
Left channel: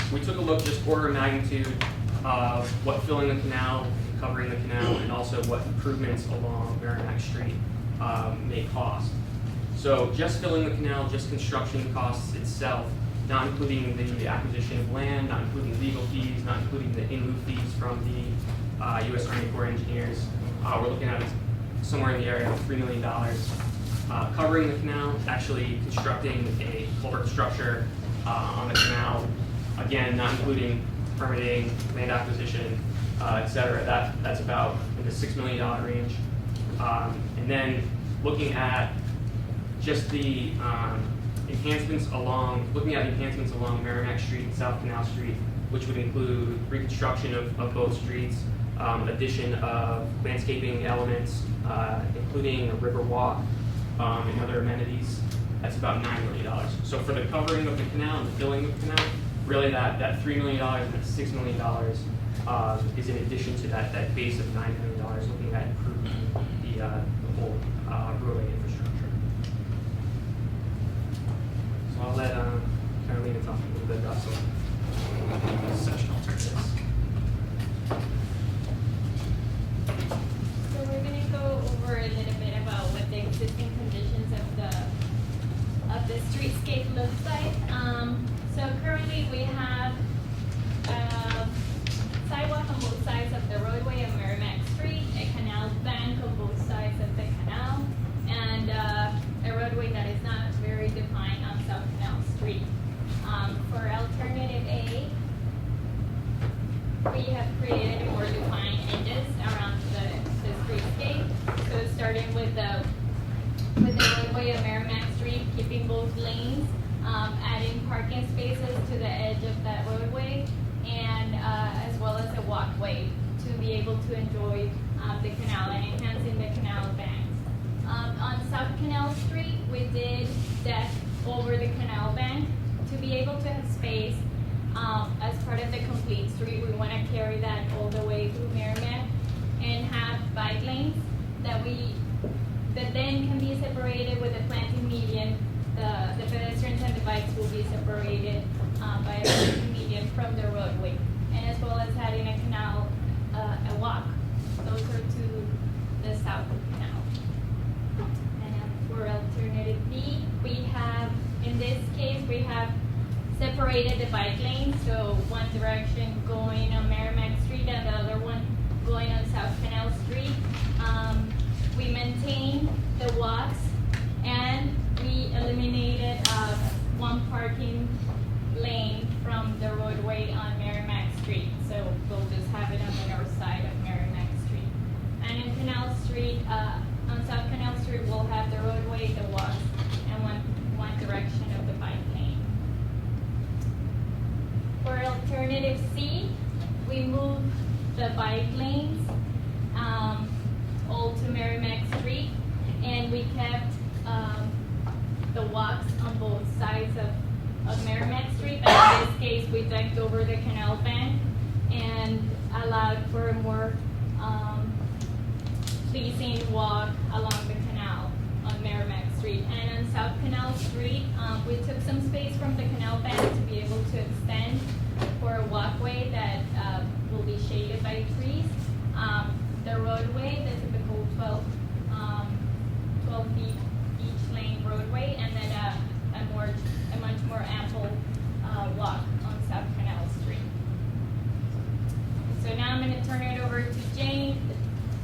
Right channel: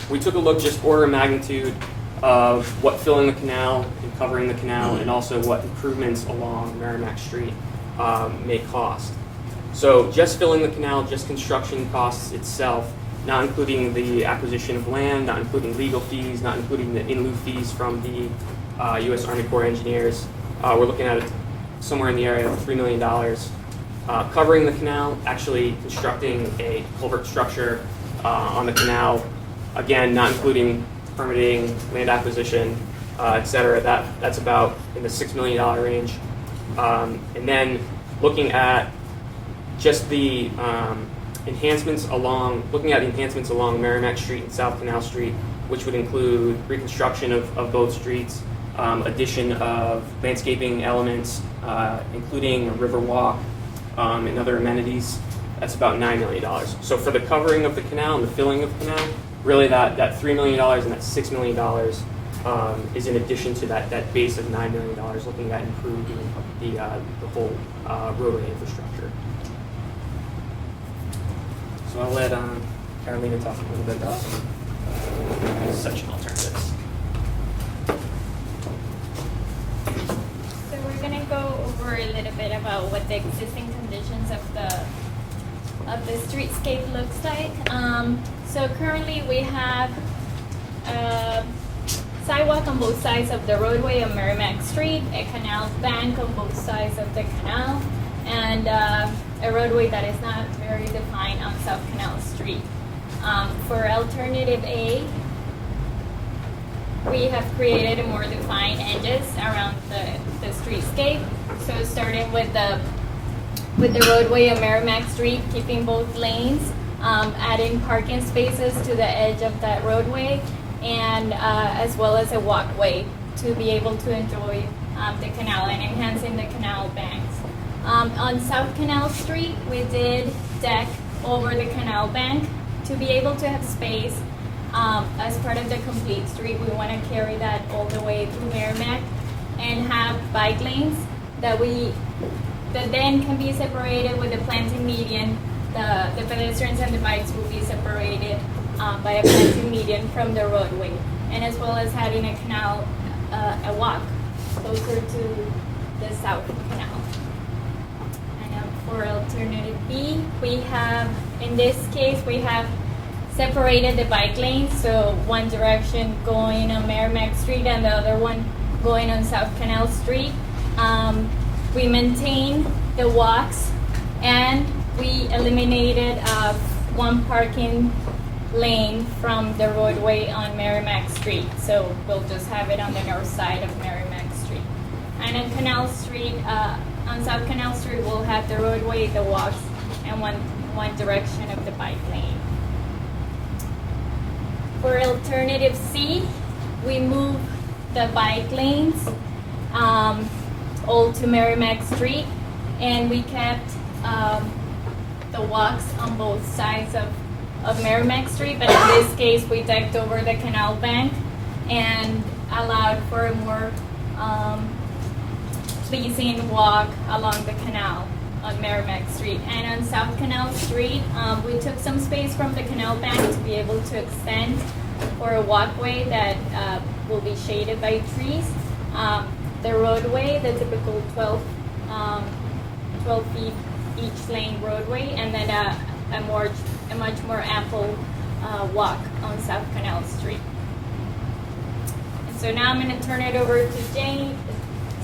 we took a look, just order of magnitude of what filling the canal and covering the canal, and also what improvements along Merrimack Street may cost. So just filling the canal, just construction costs itself, not including the acquisition of land, not including legal fees, not including the in lieu fees from the U.S. Army Corps of Engineers, we're looking at somewhere in the area of $3 million. Covering the canal, actually constructing a culvert structure on the canal, again, not including permitting, land acquisition, et cetera, that's about in the $6 million range. And then looking at just the enhancements along Merrimack Street and South Canal Street, which would include reconstruction of both streets, addition of landscaping elements, including a river walk, and other amenities, that's about $9 million. So for the covering of the canal and the filling of the canal, really that $3 million and that $6 million is in addition to that base of $9 million, looking at improving the whole roadway infrastructure. So I'll let Carolina talk a little bit about section alternatives. So we're gonna go over a little bit about what the existing conditions of the streetscape looks like. So currently we have sidewalk on both sides of the roadway on Merrimack Street, a canal bank on both sides of the canal, and a roadway that is not very defined on South Canal Street. For alternative A, we have created a more defined edges around the streetscape. So starting with the roadway on Merrimack Street, keeping both lanes, adding parking spaces to the edge of that roadway, and as well as a walkway to be able to enjoy the canal and enhancing the canal banks. On South Canal Street, we did deck over the canal bank to be able to have space as part of the complete street. We want to carry that all the way to Merrimack and have bike lanes that then can be separated with a planting median. The pedestrians and the bikes will be separated by a planting median from the roadway, and as well as having a canal, a walk closer to the South Canal. And for alternative B, in this case, we have separated the bike lanes, so one direction going on Merrimack Street and the other one going on South Canal Street. We maintained the walks, and we eliminated one parking lane from the roadway on Merrimack Street. So we'll just have it on the north side of Merrimack Street. And on Canal Street, on South Canal Street, we'll have the roadway, the walks, and one direction of the bike lane. For alternative C, we move the bike lanes all to Merrimack Street, and we kept the walks on both sides of Merrimack Street, but in this case we decked over the canal bank and allowed for a more pleasing walk along the canal on Merrimack Street. And on South Canal Street, we took some space from the canal bank to be able to extend for a walkway that will be shaded by trees. The roadway, the typical 12 feet each lane roadway, and then a much more ample walk on South Canal Street. So now I'm going to turn it over to Jane.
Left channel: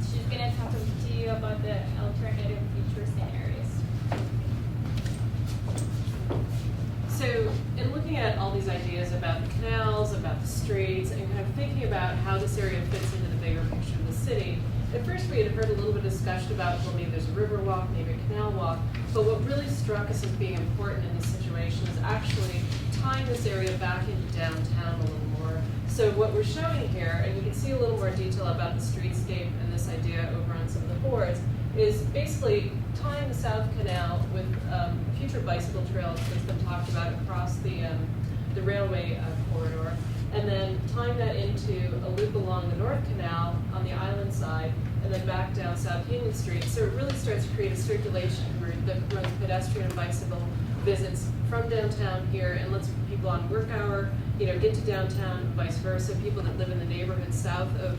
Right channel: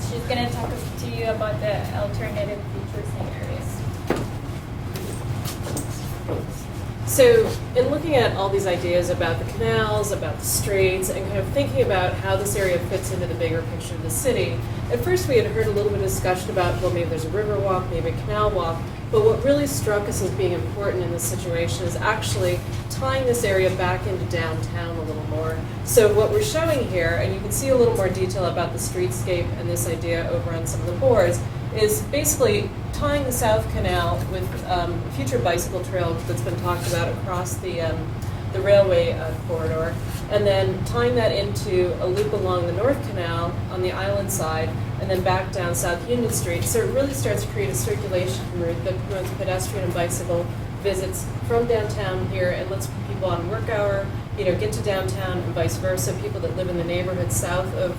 She's going to talk to you about the alternative features and areas. So in looking at all these ideas about the canals, about the streets, and kind of thinking about how this area fits into the bigger picture of the city, at first we had heard a little bit of discussion about, well, maybe there's a river walk, maybe a canal walk, but what really struck us as being important in this situation is actually tying this area back into downtown a little more. So what we're showing here, and you can see a little more detail about the streetscape and this idea over on some of the boards, is basically tying the South Canal with future bicycle trail that's been talked about across the railway corridor. and then tying that into a loop along the North Canal on the island side, and then back down South Union Street. So it really starts to create a circulation route that promotes pedestrian and bicycle visits from downtown here and lets people on work hour, get to downtown and vice versa. People that live in the neighborhood south of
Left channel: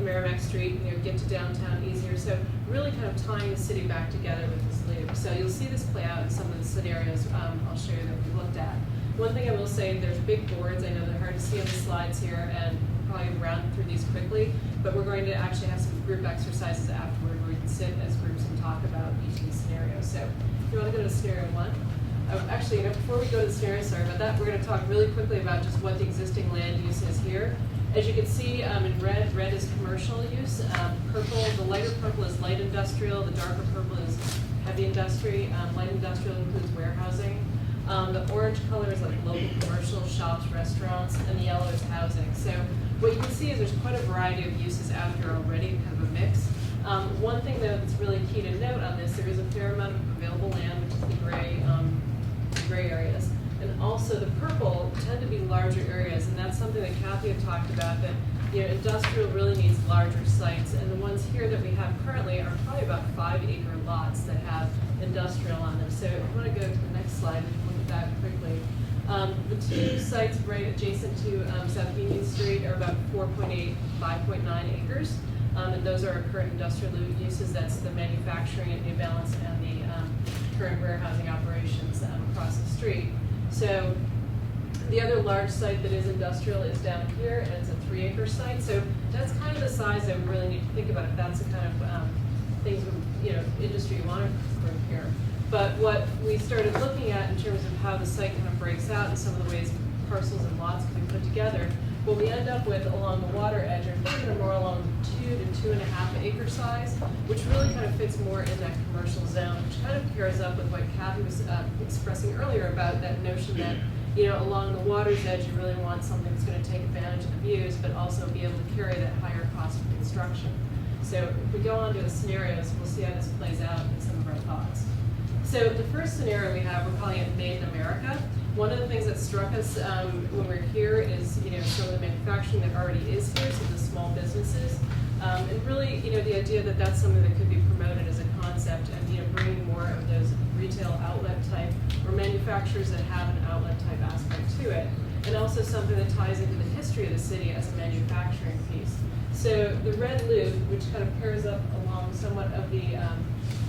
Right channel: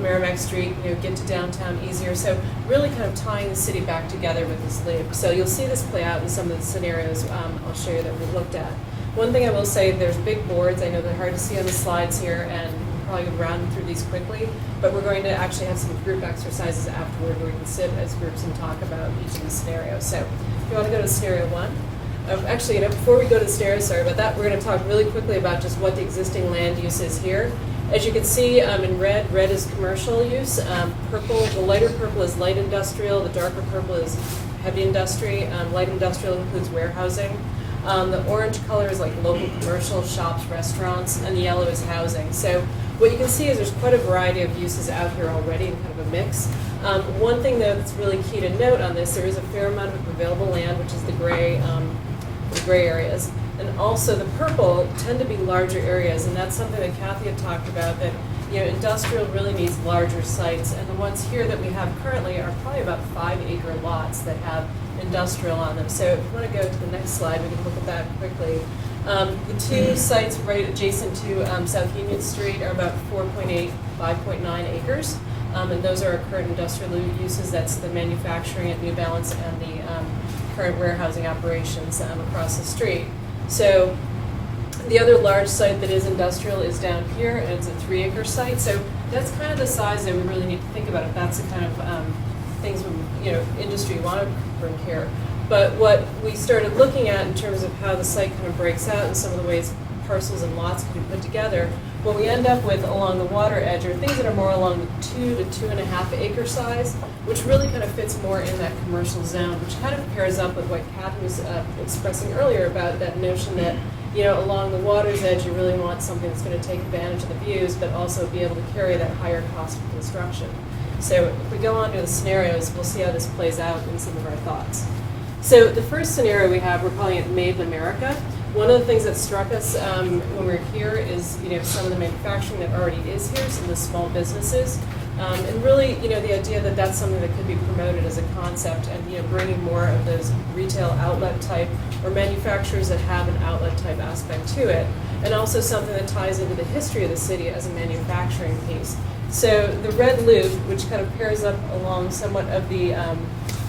Merrimack Street, get to downtown easier. So really kind of tying the city back together with this loop. So you'll see this play out in some of the scenarios I'll show you that we've looked at. One thing I will say, there's big boards. I know they're hard to see on the slides here, and we'll probably round through these quickly, but we're going to actually have some group exercises afterward where we can sit as groups and talk about each of the scenarios. So if you want to go to scenario 1. Actually, before we go to the scenarios, sorry about that, we're going to talk really quickly about just what the existing land use is here. As you can see in red is commercial use. Purple, the lighter purple is light industrial, the darker purple is heavy industry. Light industrial includes warehousing. The orange color is like local commercial, shops, restaurants, and the yellow is housing. So what you can see is there's quite a variety of uses out here already in kind of a mix. One thing that's really key to note on this, there is a fair amount of available land, which is the gray areas. And also the purple tend to be larger areas, and that's something that Kathy had talked about, that industrial really needs larger sites, and the ones here that we have currently are probably about 5-acre lots that have industrial on them. So if you want to go to the next slide, we can look at that quickly. The two sites right adjacent to South Union Street are about 4.8, 5.9 acres, and those are our current industrial uses. That's the manufacturing at New Balance and the current warehousing operations across the street. So the other large site that is industrial is down here, and it's a 3-acre site. So that's kind of the size that we really need to think about if that's the kind of things industry want to bring here. But what we started looking at in terms of how the site kind of breaks out and some of the ways parcels and lots can be put together, what we end up with along the water edge are things that are more along the 2 to 2.5 acre size, which really kind of fits more in that commercial zone, which kind of pairs up with what Kathy was expressing earlier about that notion that along the water's edge, you really want something that's going to take advantage of the views, but also be able to carry that higher cost of construction. So if we go on to the scenarios, we'll see how this plays out in some of our thoughts. So the first scenario we have, we're calling it Made in America. One of the things that struck us when we were here is some of the manufacturing that already is here, some of the small businesses, and really the idea that that's something that could be promoted as a concept, and bringing more of those retail outlet type or manufacturers that have an outlet type aspect to it, and also something that ties into the history of the city as a manufacturing piece. So the red loop, which kind of pairs up along somewhat of the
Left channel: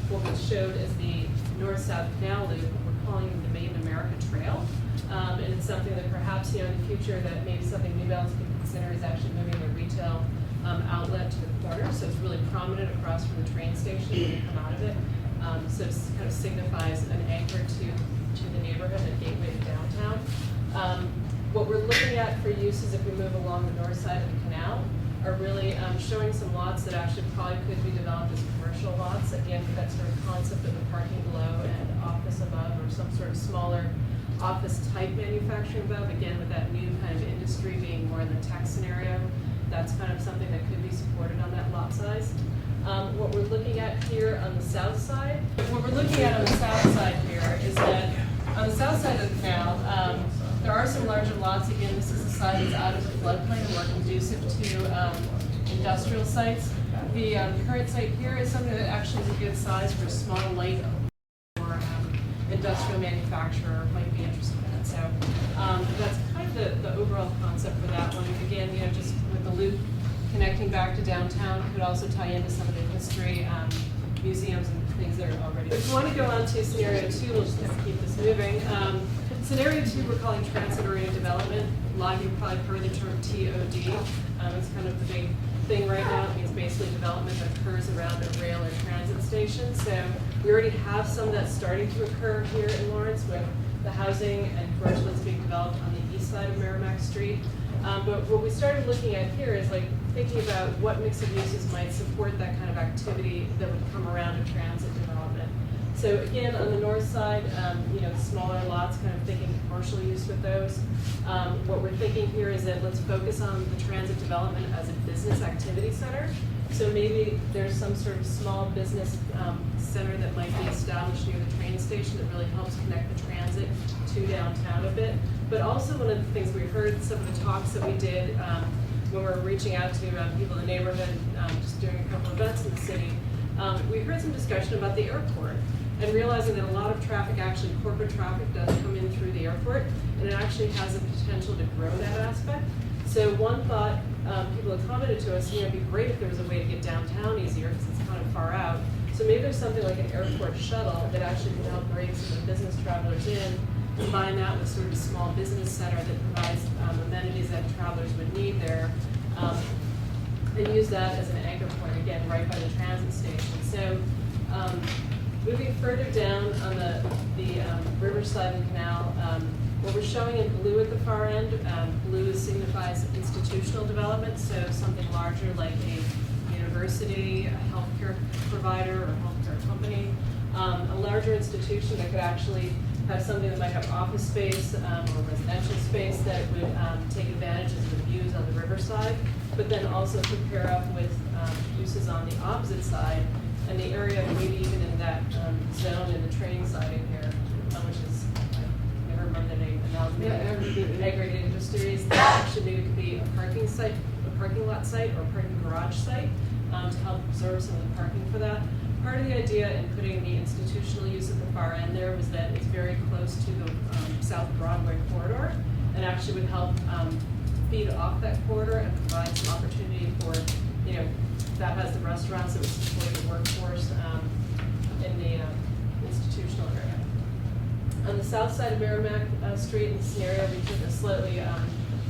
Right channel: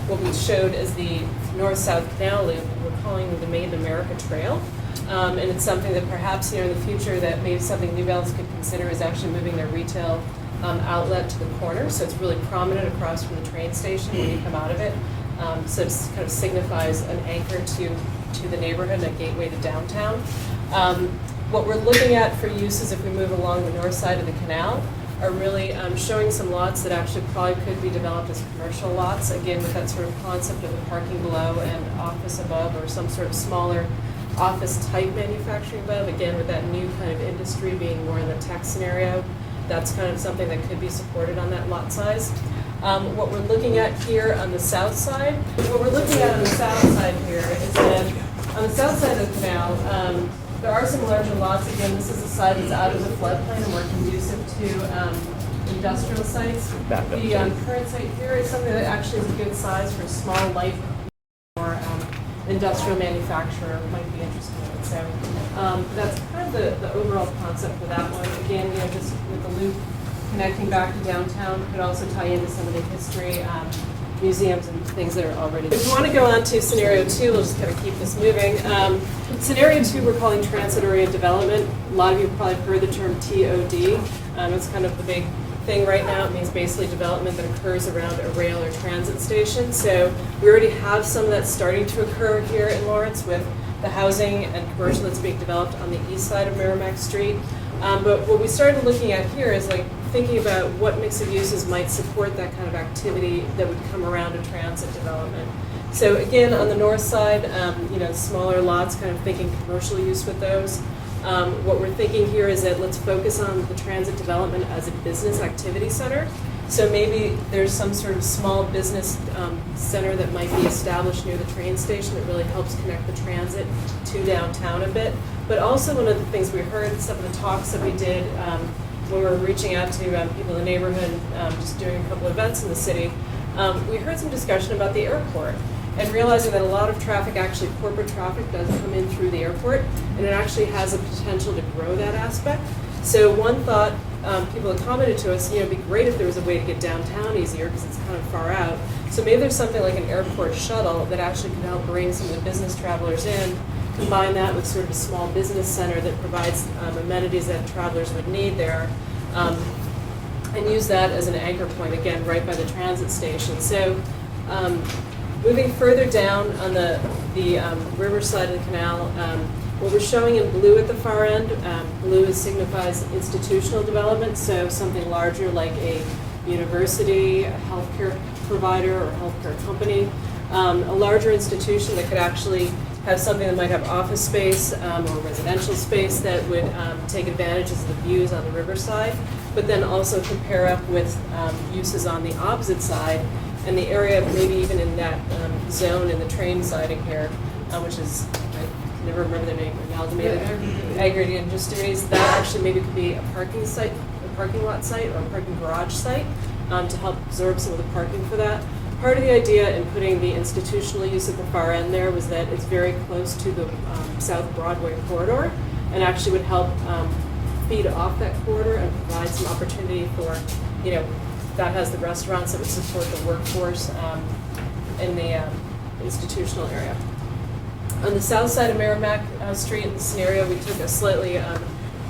what we showed as the north-south canal loop, we're calling the Made in America Trail. And it's something that perhaps in the future that maybe something New Balance could consider is actually moving their retail outlet to the corner, so it's really prominent across from the train station when you come out of it. So it kind of signifies an anchor to the neighborhood, a gateway to downtown. What we're looking at for uses if we move along the north side of the canal are really showing some lots that actually probably could be developed as commercial lots, again with that sort of concept of a parking below and office above, or some sort of smaller office type manufacturing above, again with that new kind of industry being more in the tech scenario. That's kind of something that could be supported on that lot size. What we're looking at here on the south side, here is that on the south side of the canal, there are some larger lots. Again, this is a site that's out of the floodplain and more conducive to industrial sites. The current site here is something that actually is a good size for a small, light, or industrial manufacturer might be interested in it. So that's kind of the overall concept for that one. Again, just with the loop connecting back to downtown, could also tie into some of the history, museums and things that are already. If you want to go on to scenario 2, we'll just kind of keep this moving. Scenario 2 we're calling transit-oriented development. A lot of you have probably heard the term TOD. It's kind of the big thing right now. It means basically development that occurs around a rail or transit station. So we already have some of that starting to occur here in Lawrence with the housing and commercial that's being developed on the east side of Merrimack Street. But what we started looking at here is thinking about what mix of uses might support that kind of activity that would come around a transit development. So again, on the north side, smaller lots, kind of thinking commercial use with those. What we're thinking here is that let's focus on the transit development as a business activity center. So maybe there's some sort of small business center that might be established near the train station that really helps connect the transit to downtown a bit. But also one of the things we heard, some of the talks that we did when we were reaching out to people in the neighborhood, just doing a couple events in the city, we heard some discussion about the airport and realizing that a lot of traffic, actually corporate traffic, does come in through the airport, and it actually has a potential to grow that aspect. So one thought, people have commented to us, it'd be great if there was a way to get downtown easier because it's kind of far out. So maybe there's something like an airport shuttle that actually can help bring some of the business travelers in, combine that with sort of a small business center that provides amenities that travelers would need there, and use that as an anchor point, again, right by the transit station. So moving further down on the riverside of the canal, what we're showing in blue at the far end, blue signifies institutional development, so something larger like a university, a healthcare provider, or healthcare company. A larger institution that could actually have something that might have office space or residential space that would take advantage of the views on the riverside, but then also compare up with uses on the opposite side, and the area maybe even in that zone in the train siding here, which is, I never remember the name, aggregated industries, that actually maybe could be a parking site, a parking lot site, or a parking garage site to help absorb some of the parking for that. Part of the idea in putting the institutional use at the far end there was that it's very close to the South Broadway corridor, and actually would help feed off that corridor and provide some opportunity for, that has the restaurants that would support the workforce in the institutional area. On the south side of Merrimack Street, in the scenario, we took a slightly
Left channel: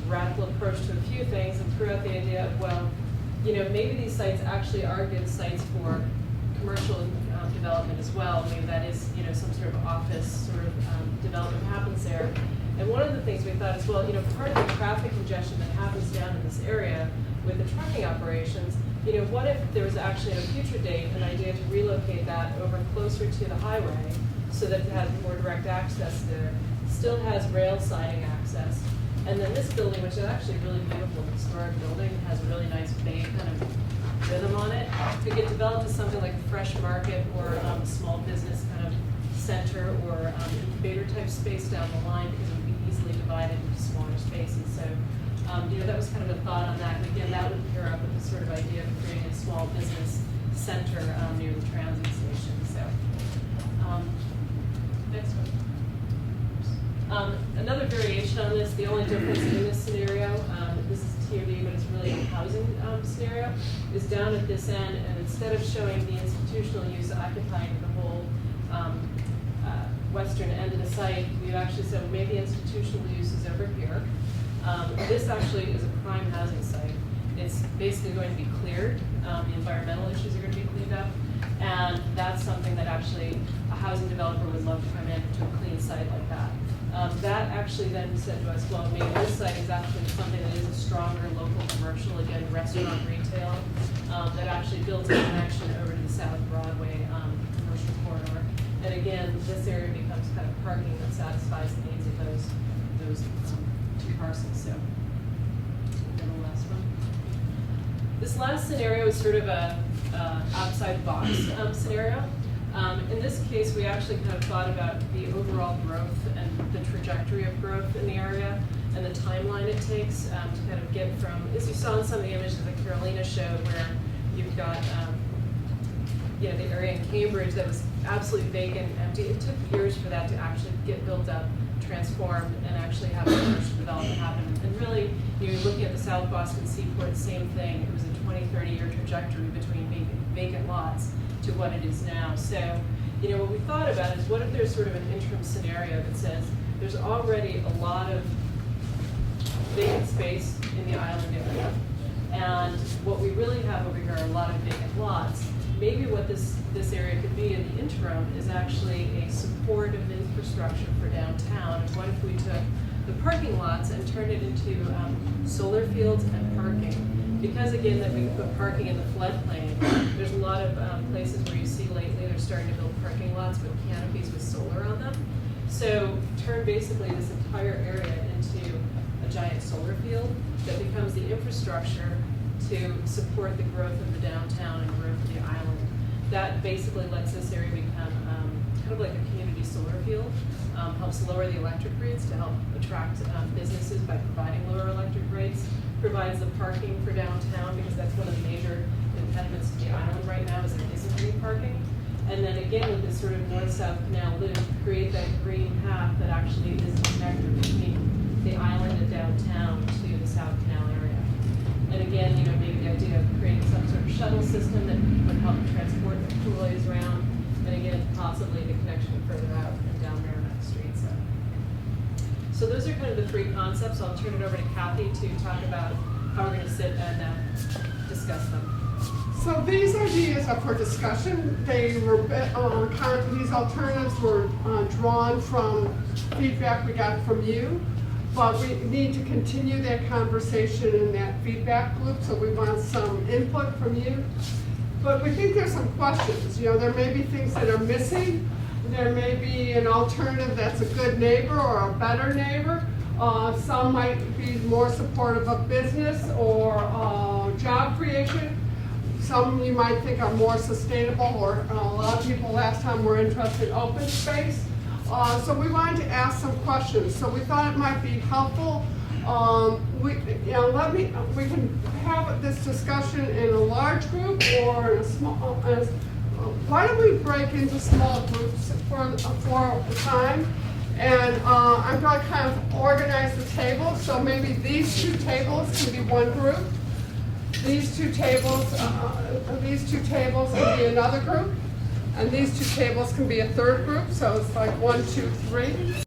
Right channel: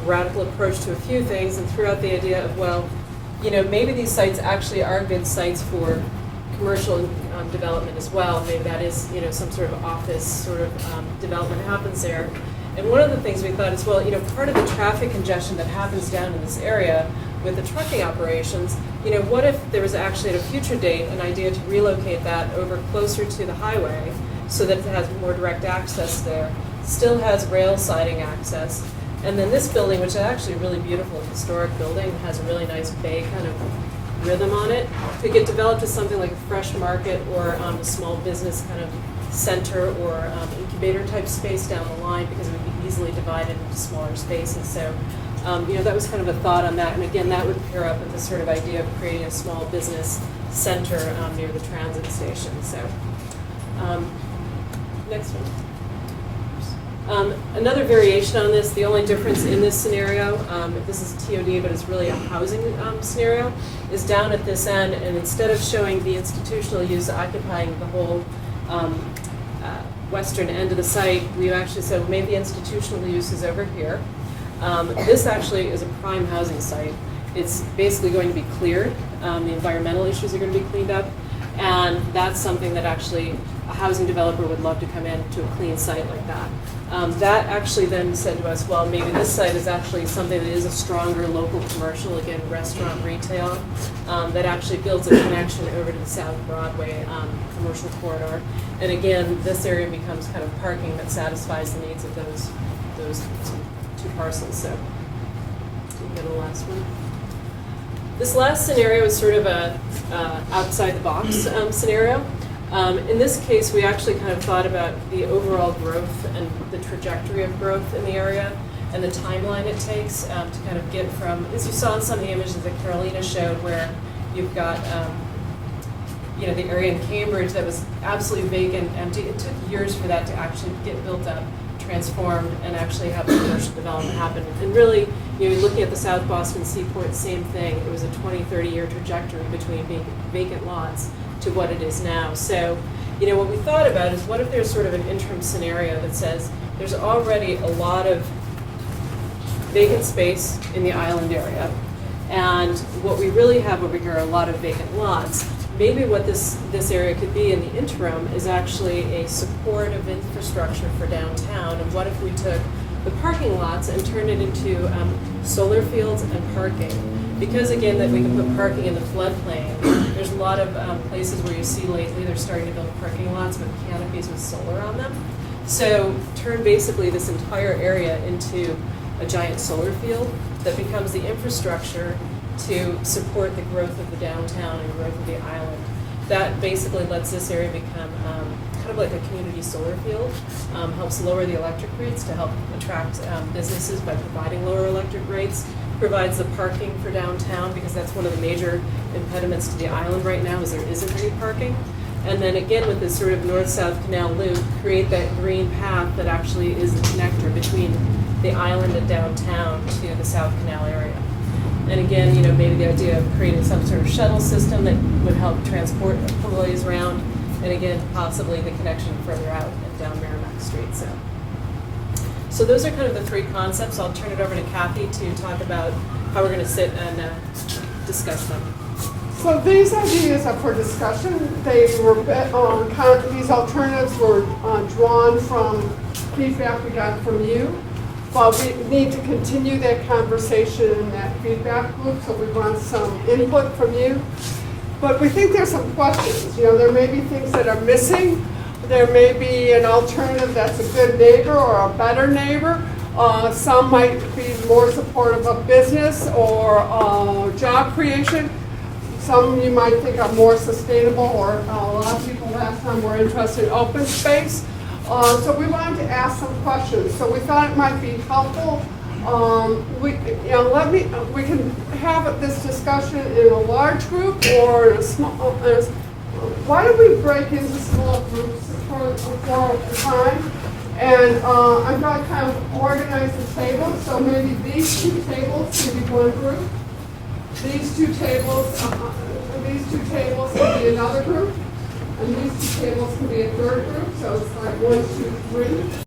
radical approach to a few things and threw out the idea of, well, maybe these sites actually are good sites for commercial development as well. Maybe that is, some sort of office sort of development happens there. And one of the things we thought is, well, part of the traffic congestion that happens down in this area with the trucking operations, what if there was actually at a future date an idea to relocate that over closer to the highway so that it has more direct access there, still has rail siding access. And then this building, which is actually a really beautiful historic building, has a really nice bay kind of rhythm on it, could get developed as something like a fresh market or a small business kind of center or incubator type space down the line, because it would be easily divided into smaller spaces. So that was kind of a thought on that. And again, that would pair up with the sort of idea of creating a small business center near the transit station. So next one. Another variation on this, the only difference in this scenario, this is TOD, but it's really a housing scenario, is down at this end, and instead of showing the institutional use occupying the whole western end of the site, we actually said, well, maybe institutional use is over here. This actually is a prime housing site. It's basically going to be cleared. The environmental issues are going to be cleaned up, and that's something that actually a housing developer would love to come in to a clean site like that. That actually then said to us, well, maybe this site is actually something that is a stronger local commercial, again, restaurant, retail, that actually builds a connection over to the South Broadway commercial corridor. And again, this area becomes kind of parking that satisfies the needs of those two parcels. So we'll go to the last one. This last scenario is sort of a outside the box scenario. In this case, we actually kind of thought about the overall growth and the trajectory of growth in the area and the timeline it takes to kind of get from, as you saw in some of the images that Carolina showed, where you've got the area in Cambridge that was absolutely vacant, empty. It took years for that to actually get built up, transformed, and actually have the commercial development happen. And really, looking at the South Boston Seaport, same thing. It was a 20, 30-year trajectory between vacant lots to what it is now. So, what we thought about is, what if there's sort of an interim scenario that says there's already a lot of vacant space in the island area, and what we really have over here are a lot of vacant lots. Maybe what this area could be in the interim is actually a supportive infrastructure for downtown. And what if we took the parking lots and turned it into solar fields and parking? Because again, that we can put parking in the floodplain. There's a lot of places where you see lately they're starting to build parking lots with canopies with solar on them. So turn basically this entire area into a giant solar field that becomes the infrastructure to support the growth of the downtown and growth of the island. That basically lets this area become kind of like a community solar field, helps lower the electric rates to help attract businesses by providing lower electric rates, provides the parking for downtown because that's one of the major impediments to the island right now is there isn't any parking. And then again with this sort of north-south canal loop, create that green path that actually is the connector between the island and downtown to the South Canal area. And again, maybe the idea of creating some sort of shuttle system that would help transport employees around, and again, possibly the connection further out and down Merrimack Street. So those are kind of the three concepts. I'll turn it over to Kathy to talk about how we're going to sit and discuss them. So these ideas are for discussion. They were, these alternatives were drawn from feedback we got from you. But we need to continue that conversation in that feedback loop, so we want some input from you. But we think there's some questions. There may be things that are missing. There may be an alternative that's a good neighbor or a better neighbor. Some might be more supportive of business or job creation. Some you might think are more sustainable, or a lot of people last time were interested in open space. So we wanted to ask some questions. So we thought it might be helpful. We can have this discussion in a large group or in a small. Why don't we break into small groups for time? And I'm going to kind of organize the tables. So maybe these two tables can be one group. These two tables can be another group. And these two tables can be a third group, so it's like 1, 2, 3.